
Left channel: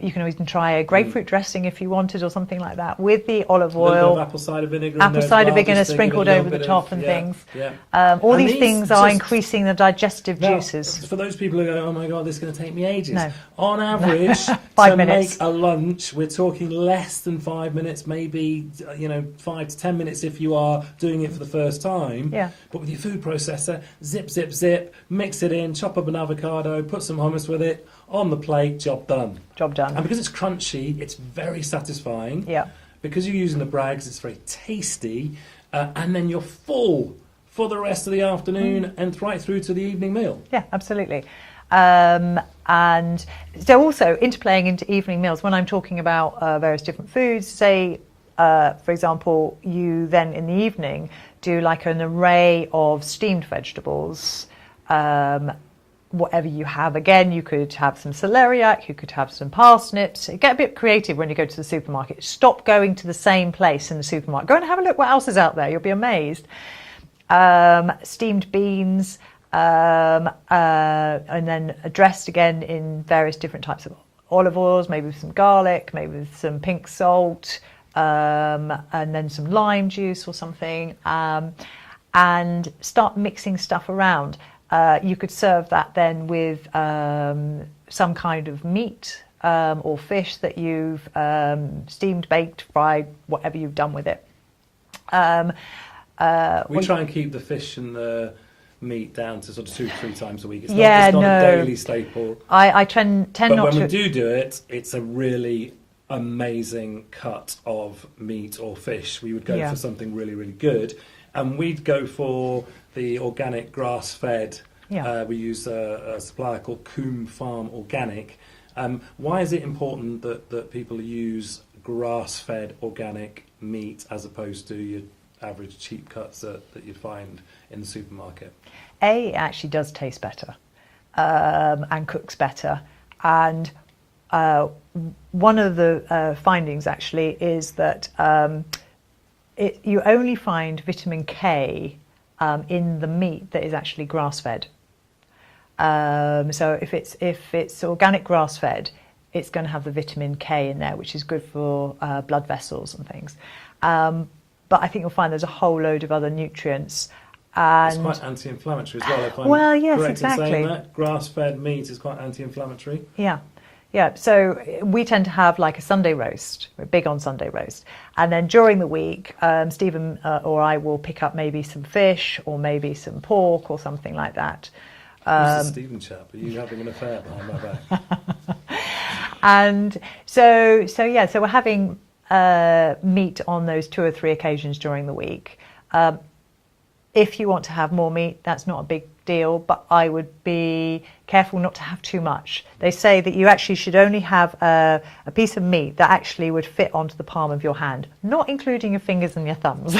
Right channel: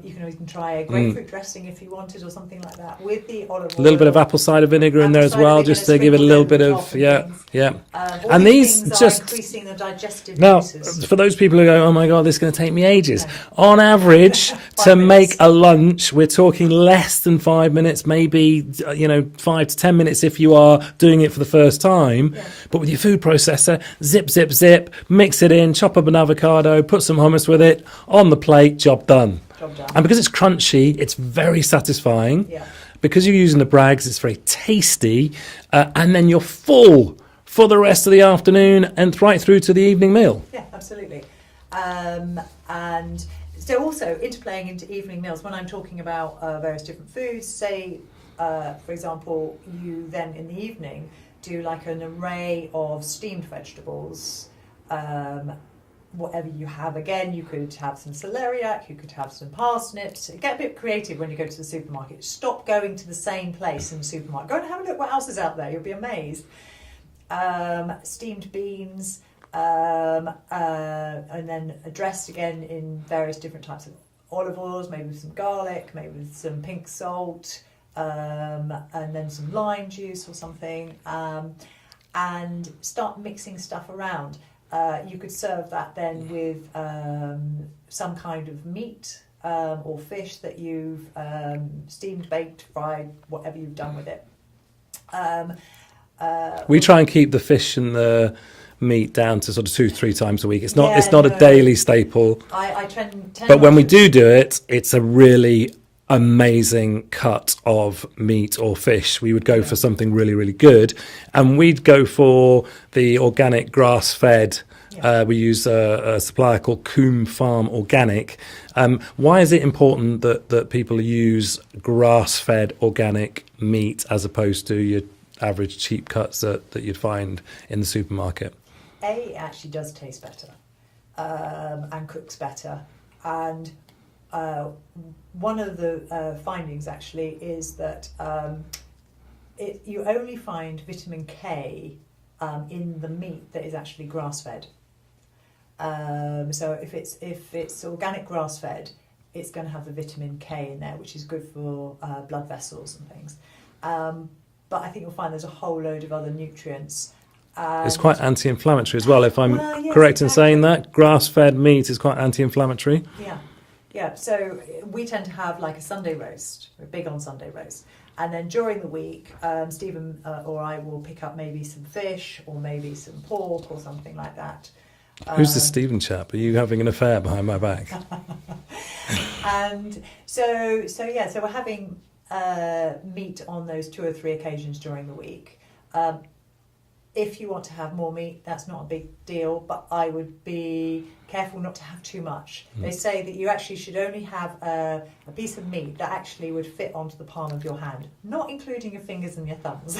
You can even try a grapefruit dressing if you wanted, or something like that, with the olive oil. A little bit of apple cider vinegar in there as well, just to give it a little bit of all and these things are increasing the digestive juices. For those people who go, oh my God, this is going to take me ages. No. On average, to make a lunch, we're talking less than 5 minutes, maybe 5 to 10 minutes if you are doing it for the first time. Yeah. But with your food processor, zip, zip, zip, mix it in, chop up an avocado, put some hummus with it, on the plate, job done. Job done. And because it's crunchy, it's very satisfying. Yeah. Because you're using the brags, it's very tasty, and then you're full for the rest of the afternoon and right through to the evening meal. Yeah, absolutely. And so also interplaying into evening meals, when I'm talking about various different foods, say, for example, you then in the evening do like an array of steamed vegetables, whatever you have. Again, you could have some celeriac, you could have some parsnips. Get a bit creative when you go to the supermarket. Stop going to the same place in the supermarket. Go and have a look what else is out there. You'll be amazed. Steamed beans, and then dressed again in various different types of olive oils, maybe with some garlic, maybe with some pink salt, and then some lime juice or something, and start mixing stuff around. You could serve that then with some kind of meat or fish that you've steamed, baked, fried, whatever you've done with it. We try and keep the fish and the meat down to sort of 2-3 times a week. It's not a daily staple. I tend but not when we to... do it, it's a really amazing cut of meat or fish. We would go for something really, really good, and we'd go for the organic grass-fed. We use a supplier called Coombe Farm Organic. Why is it important that people use grass-fed organic meat as opposed to your average cheap cuts that you'd find in the supermarket? It actually does taste better and cooks better, and one of the findings actually is that you only find vitamin K in the meat that is actually grass-fed. So if it's organic grass-fed, it's going to have the vitamin K in there, which is good for blood vessels and things. But I think you'll find there's a whole load of other nutrients. It's quite anti-inflammatory as well, if I'm yes, correct exactly. in saying that. Grass-fed meat is quite anti-inflammatory. Yeah, so we tend to have like a Sunday roast. We're big on Sunday roast. And then during the week, Stephen or I will pick up maybe some fish or maybe some pork or something like that. Who's the Stephen chap? Are you having an affair behind my back? And so we're having meat on those 2 or 3 occasions during the week. If you want to have more meat, that's not a big deal, but I would be careful not to have too much. They say that you actually should only have a piece of meat that actually would fit onto the palm of your hand, not including your fingers and your thumbs.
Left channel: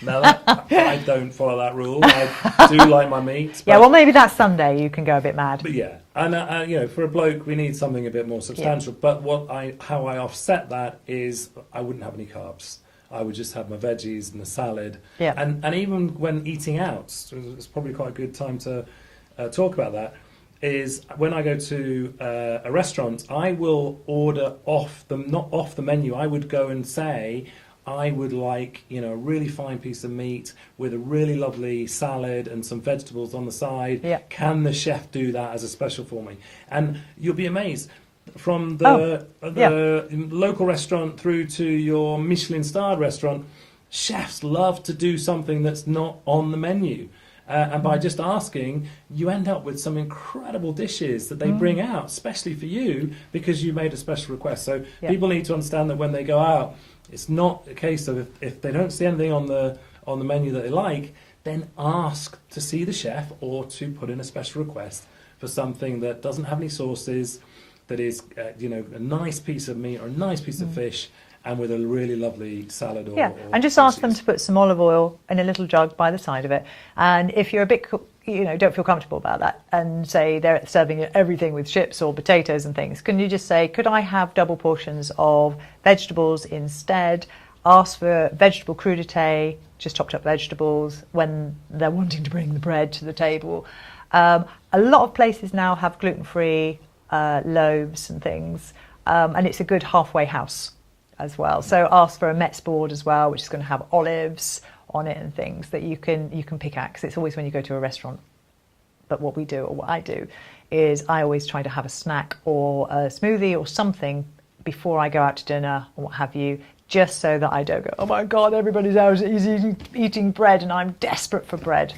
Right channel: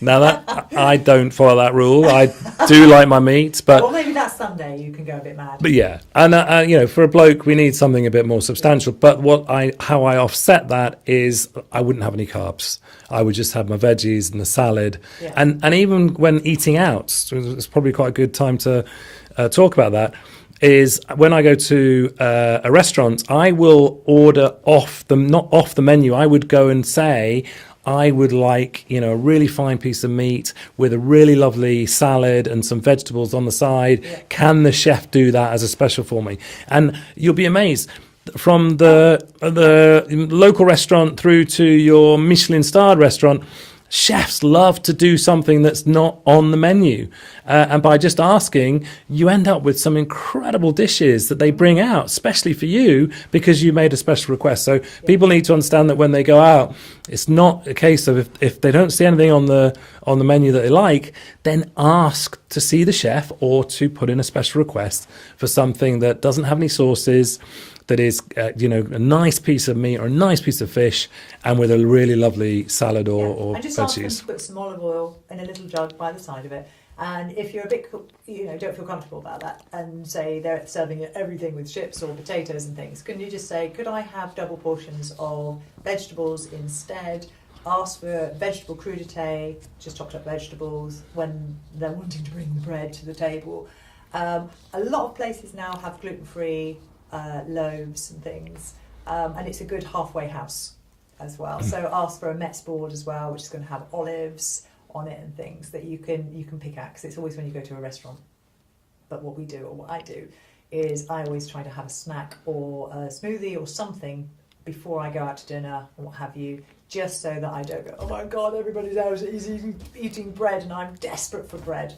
Now, I don't follow that rule. I do like my meat, but well, maybe that Sunday you can go a bit mad. But yeah, and for a bloke, we need something a bit more substantial. Yeah. But how I offset that is I wouldn't have any carbs. I would just have my veggies and the salad. Yeah. And even when eating out, so it's probably quite a good time to talk about that, is when I go to a restaurant, I will order not off the menu. I would go and say, I would like, a really fine piece of meat with a really lovely salad and some vegetables on the side. Yeah. Can the chef do that as a special for me? And you'll be amazed. From the local restaurant through to your Michelin-starred restaurant, chefs love to do something that's not on the menu. And by just asking, you end up with some incredible dishes that they bring out, especially for you, because you made a special request. So people need to understand that when they go out, it's not a case of if they don't see anything on the menu that they like, then ask to see the chef or to put in a special request for something that doesn't have any sauces, that is, a nice piece of meat or a nice piece of fish, and with a really lovely salad or and just ask them to put some olive oil in a little jug by the side of it. And if you're a bit, don't feel comfortable about that, and say they're serving everything with chips or potatoes and things, can you just say, could I have double portions of vegetables instead? Ask for vegetable crudité, just chopped up vegetables, when they're wanting to bring the bread to the table. A lot of places now have gluten-free loaves and things, and it's a good halfway house as well. So ask for a Metz board as well, which is going to have olives on it and things that you can pick at, because it's always when you go to a restaurant. But what I do is I always try to have a snack or a smoothie or something before I go out to dinner or what have you, just so that I don't go, oh my God, everybody's out eating bread and I'm desperate for bread.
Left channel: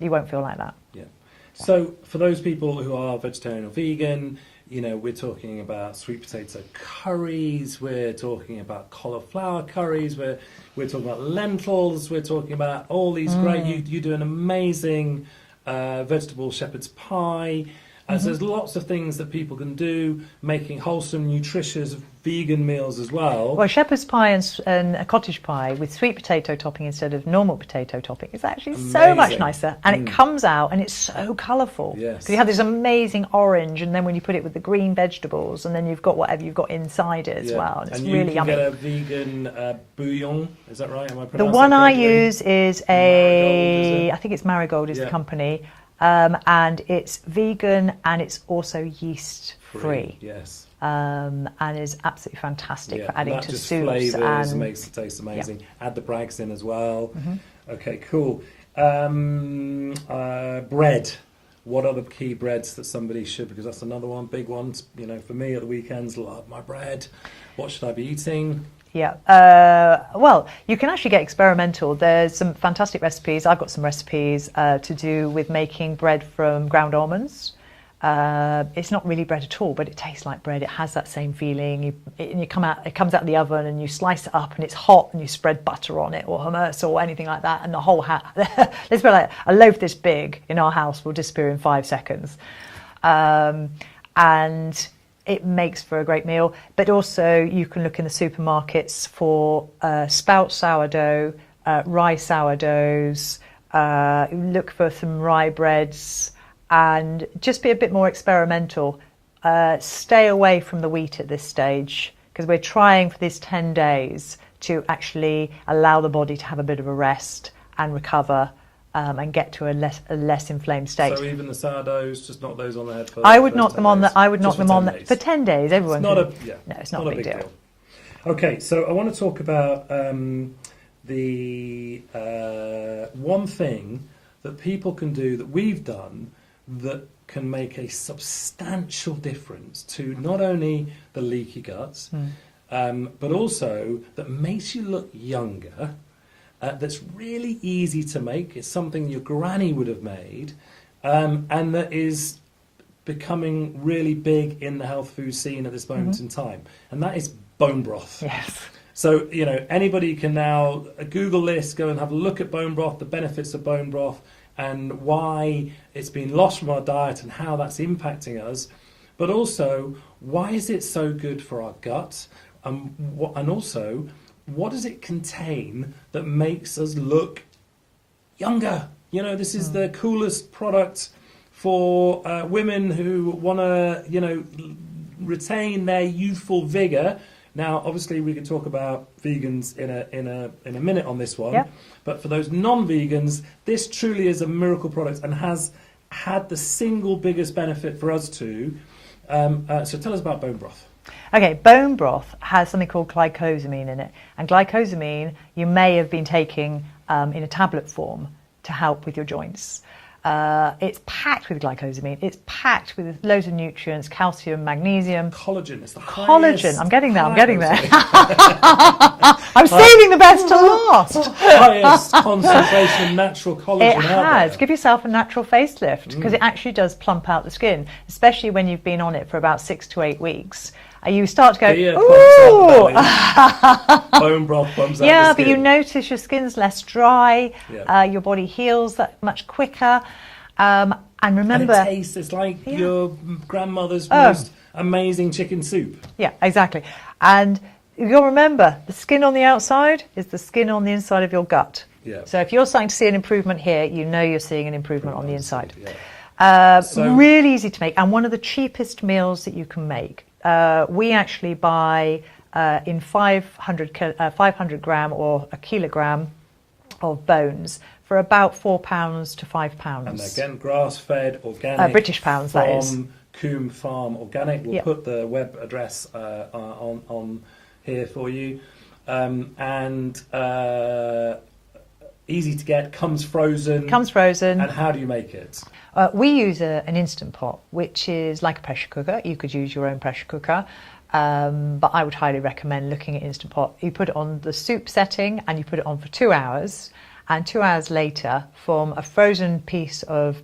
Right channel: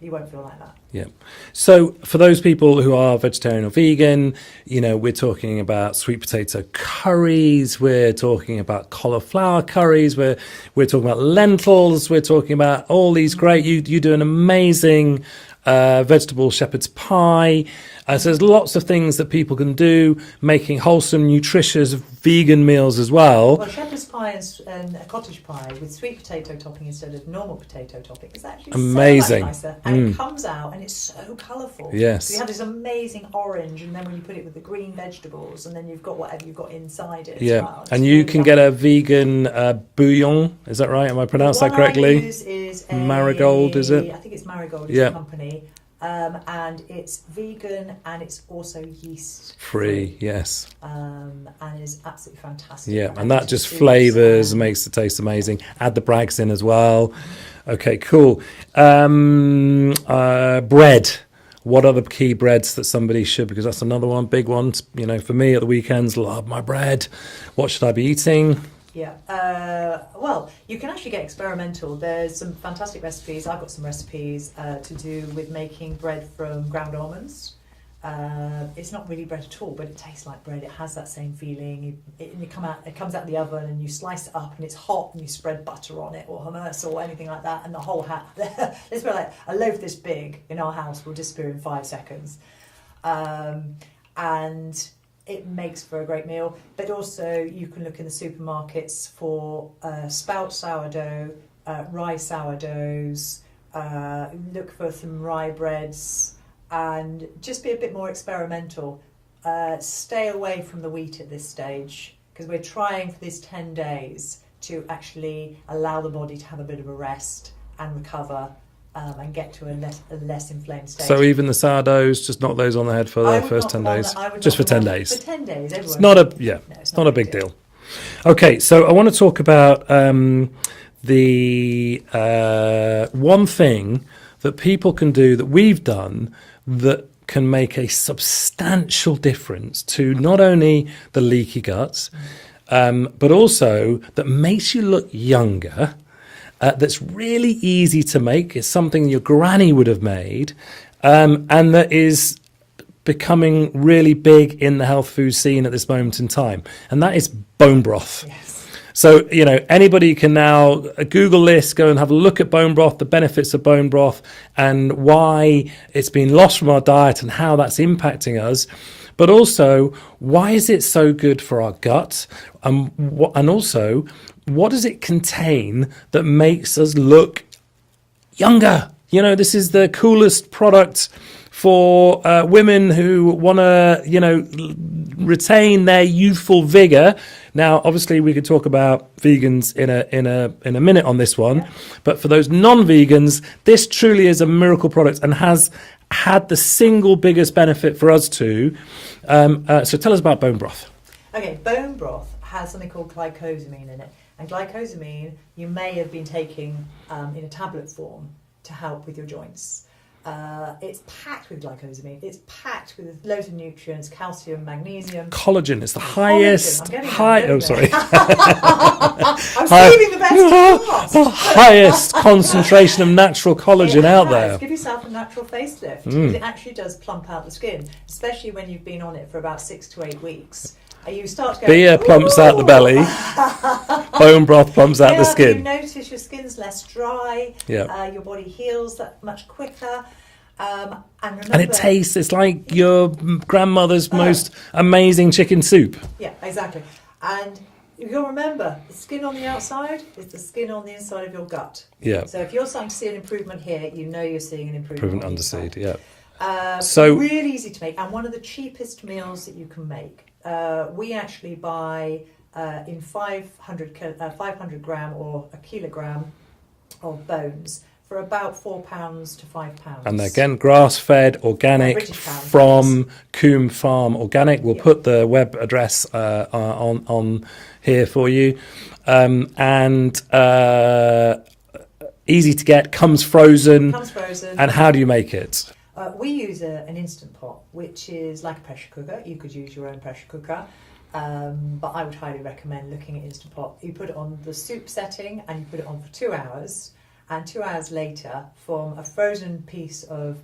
You won't feel like that. Yeah. So for those people who are vegetarian or vegan, we're talking about sweet potato curries, we're talking about cauliflower curries, we're talking about lentils, we're talking about all these great, you do an amazing vegetable shepherd's pie. So there's lots of things that people can do, making wholesome, nutritious, vegan meals as well. Well, shepherd's pie and a cottage pie with sweet potato topping instead of normal potato topping is actually so much nicer. And it comes out and it's so colourful. Yes. So you have this amazing orange, and then when you put it with the green vegetables, and then you've got whatever you've got inside it as well. And you can get a vegan bouillon, is that right? Am I pronouncing that correctly? The one I use is Marigold, is it? I think it's Marigold is the company. And it's vegan and it's also yeast free. Yes. And is absolutely fantastic. Yeah, and that just flavours and makes the taste amazing. Yeah. Add the Brags in as well. Okay, cool. Bread. What are the key breads that somebody should, because that's another one, big one. You know, for me at the weekends, love my bread. What should I be eating? Yeah, well, you can actually get experimental. There's some fantastic recipes. I've got some recipes to do with making bread from ground almonds. It's not really bread at all, but it tastes like bread. It has that same feeling. It comes out of the oven, and you slice it up, and it's hot, and you spread butter on it, or hummus, or anything like that, and the whole let's put it like a loaf this big in our house will disappear in 5 seconds, and it makes for a great meal. But also you can look in the supermarkets for spout sourdough, rye sourdoughs, look for some rye breads, and just be a bit more experimental. Stay away from the wheat at this stage, because we're trying for these 10 days to actually allow the body to have a bit of a rest and recover, and get to a less inflamed state. So even the sourdoughs, just knock those on the head for I would first knock 10 them on. days. I would just knock for them 10 on days. for 10 days. Everyone. It's not a it's not a big deal. Okay, so I want to talk about the one thing that people can do that we've done that can make a substantial difference to not only the leaky guts, but also that makes you look younger. That's really easy to make. It's something your granny would have made, and that is becoming really big in the health food scene at this moment in time. And that is bone broth. Yes. So, you know, anybody can now Google this, go and have a look at bone broth, the benefits of bone broth, and why it's been lost from our diet and how that's impacting us. But also, why is it so good for our gut? And also, what does it contain that makes us look younger? You know, this is the coolest product for women who want to, you know, retain their youthful vigor. Now, obviously, we could talk about vegans in a minute on this one, but for those non-vegans, this truly is a miracle product and has had the single biggest benefit for us too. So tell us about bone broth. Okay, bone broth has something called glycosamine in it, and glycosamine you may have been taking in a tablet form to help with your joints. It's packed with glycosamine. It's packed with loads of nutrients, calcium, magnesium. Collagen is the highest. Collagen. I'm getting there. I'm saving the best to last. Highest concentration of natural collagen out there. Give yourself a natural facelift, because it actually does plump out the skin, especially when you've been on it for about 6 to 8 weeks. You start to go, beer plumps out the belly, bone broth plumps out the skin. But you notice your skin's less dry, your body heals that much quicker. And remember... And it tastes, it's like your grandmother's most amazing chicken soup. Yeah, exactly. And you'll remember, the skin on the outside is the skin on the inside of your gut. Yeah. So if you're starting to see an improvement here, you know you're seeing an improvement on the inside. So really easy to make, and one of the cheapest meals that you can make. We actually buy in 500 gram or a kilogram of bones for about £4 to £5. And again, grass-fed, organic, British pounds, from Coombe Farm Organic. We'll put the web address on here for you. And easy to get, comes frozen. Comes frozen. And how do you make it? We use an Instant Pot, which is like a pressure cooker. You could use your own pressure cooker, but I would highly recommend looking at Instant Pot. You put it on the soup setting and you put it on for 2 hours, and 2 hours later, from a frozen piece of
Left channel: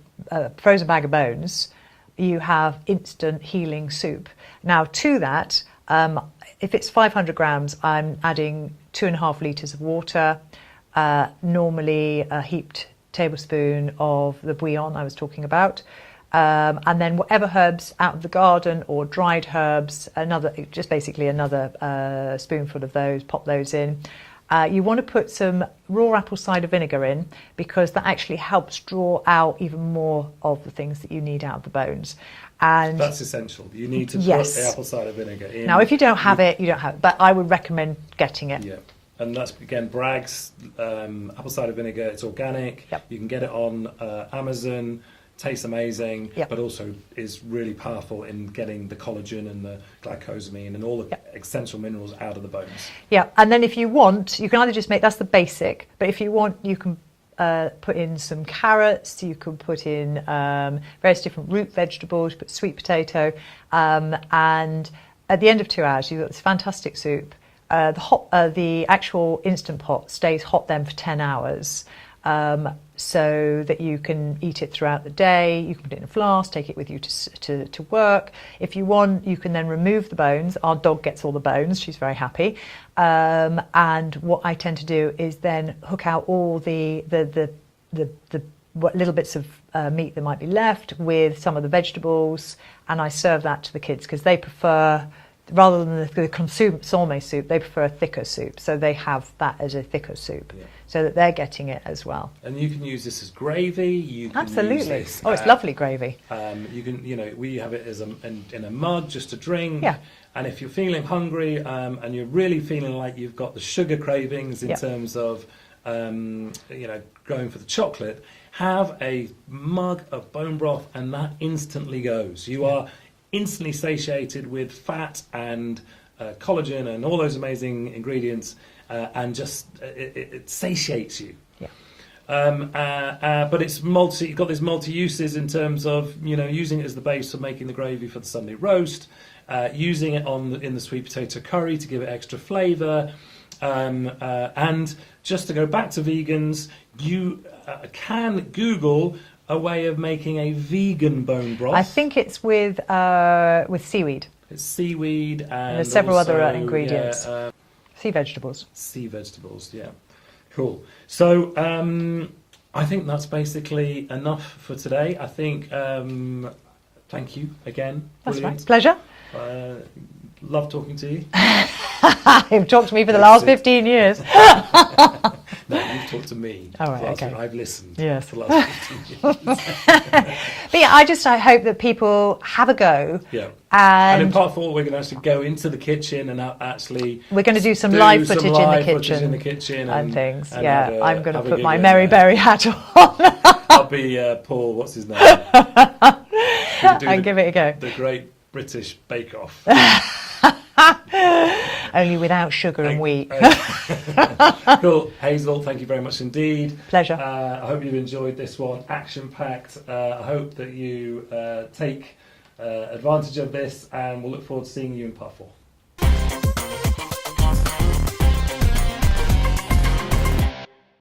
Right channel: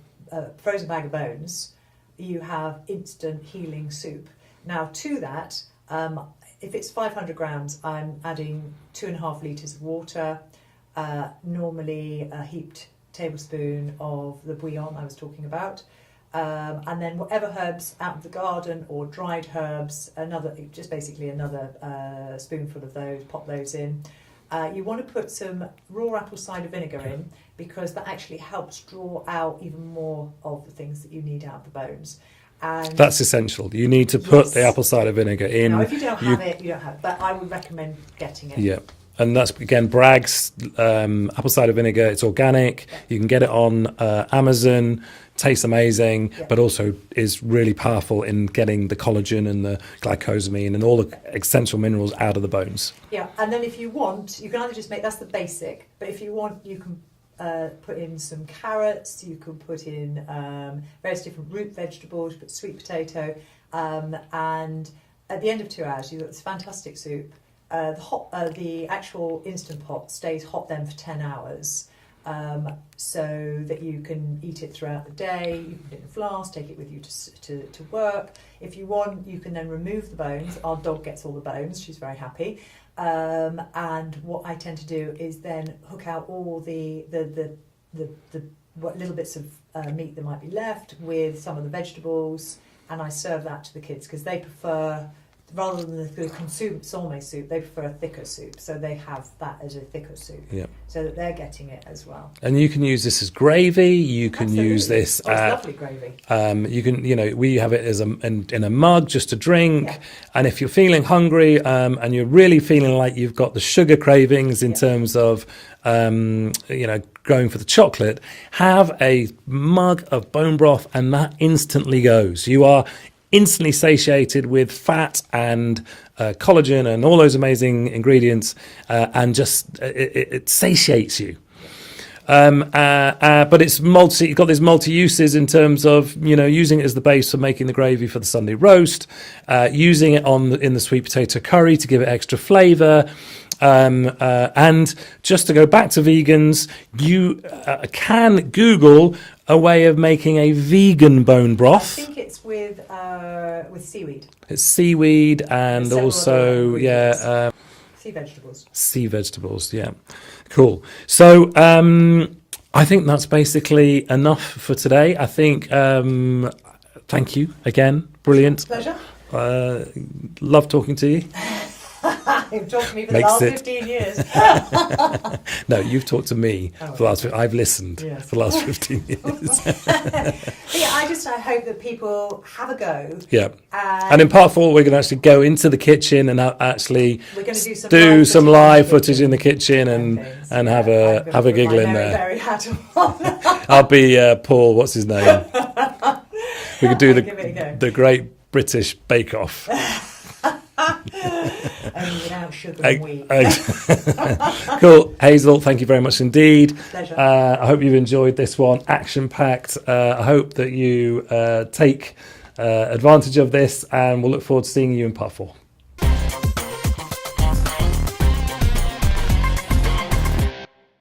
frozen bag of bones, you have instant healing soup. Now to that, if it's 500 grams, I'm adding 2.5 litres of water, normally a heaped tablespoon of the bouillon I was talking about, And then whatever herbs out of the garden or dried herbs, just basically another spoonful of those, pop those in. You want to put some raw apple cider vinegar in, because that actually helps draw out even more of the things that you need out of the bones. And that's essential. You need to put the apple cider vinegar in. Now, if you don't have it, you don't have it. But I would recommend getting it. Yeah. And that's, again, Bragg's apple cider vinegar. It's organic. Yep. You can get it on Amazon. Tastes amazing, Yep. but also is really powerful in getting the collagen and the glycosamine and all the essential minerals out of the bones. Yeah, and then if you want, you can either just make, that's the basic, but if you want, you can put in some carrots, you can put in various different root vegetables, put sweet potato, and at the end of 2 hours, you've got this fantastic soup. The actual Instant Pot stays hot then for 10 hours. So that you can eat it throughout the day. You can put it in a flask, take it with you to work. If you want, you can then remove the bones. Our dog gets all the bones. She's very happy. And what I tend to do is then hook out all the little bits of meat that might be left with some of the vegetables, and I serve that to the kids because they prefer, rather than the consommé soup, they prefer a thicker soup. So they have that as a thicker soup, so that they're getting it as well. And you can use this as gravy. You can use this. Oh, it's lovely gravy. You can, we have it as in a mug just to drink. Yeah. And if you're feeling hungry and you're really feeling like you've got the sugar cravings in terms of, going for the chocolate, have a mug of bone broth, and that instantly goes. You are instantly satiated with fat and collagen and all those amazing ingredients, and just it satiates you. But it's you've got these multi uses in terms of using it as the base for making the gravy for the Sunday roast, using it in the sweet potato curry to give it extra flavour. And just to go back to vegans, you can Google a way of making a vegan bone broth. I think it's with seaweed. It's seaweed and there's several also other ingredients. Sea vegetables. Sea vegetables, yeah. Cool. So I think that's basically enough for today. I think, thank you again. Brilliant. Pleasure. Love talking to you. You've talked to me for the last 15 years. No, you've talked to me. Oh, right, for the last, okay. I've listened for the last 15 years. But yeah, I hope that people have a go. Yeah. And in part 4, we're going to actually go into the kitchen and actually we're going to do some live footage in the kitchen and things. And yeah, have a I'm going to put my Mary there. Berry hat on. I'll be Paul. What's his name? We could do give it a go. The Great British Bake Off. Only without sugar and wheat. Cool. Hazel, thank you very much indeed. Pleasure. I hope you've enjoyed this one, action-packed. I hope that you take advantage of this, and we'll look forward to seeing you in part 4.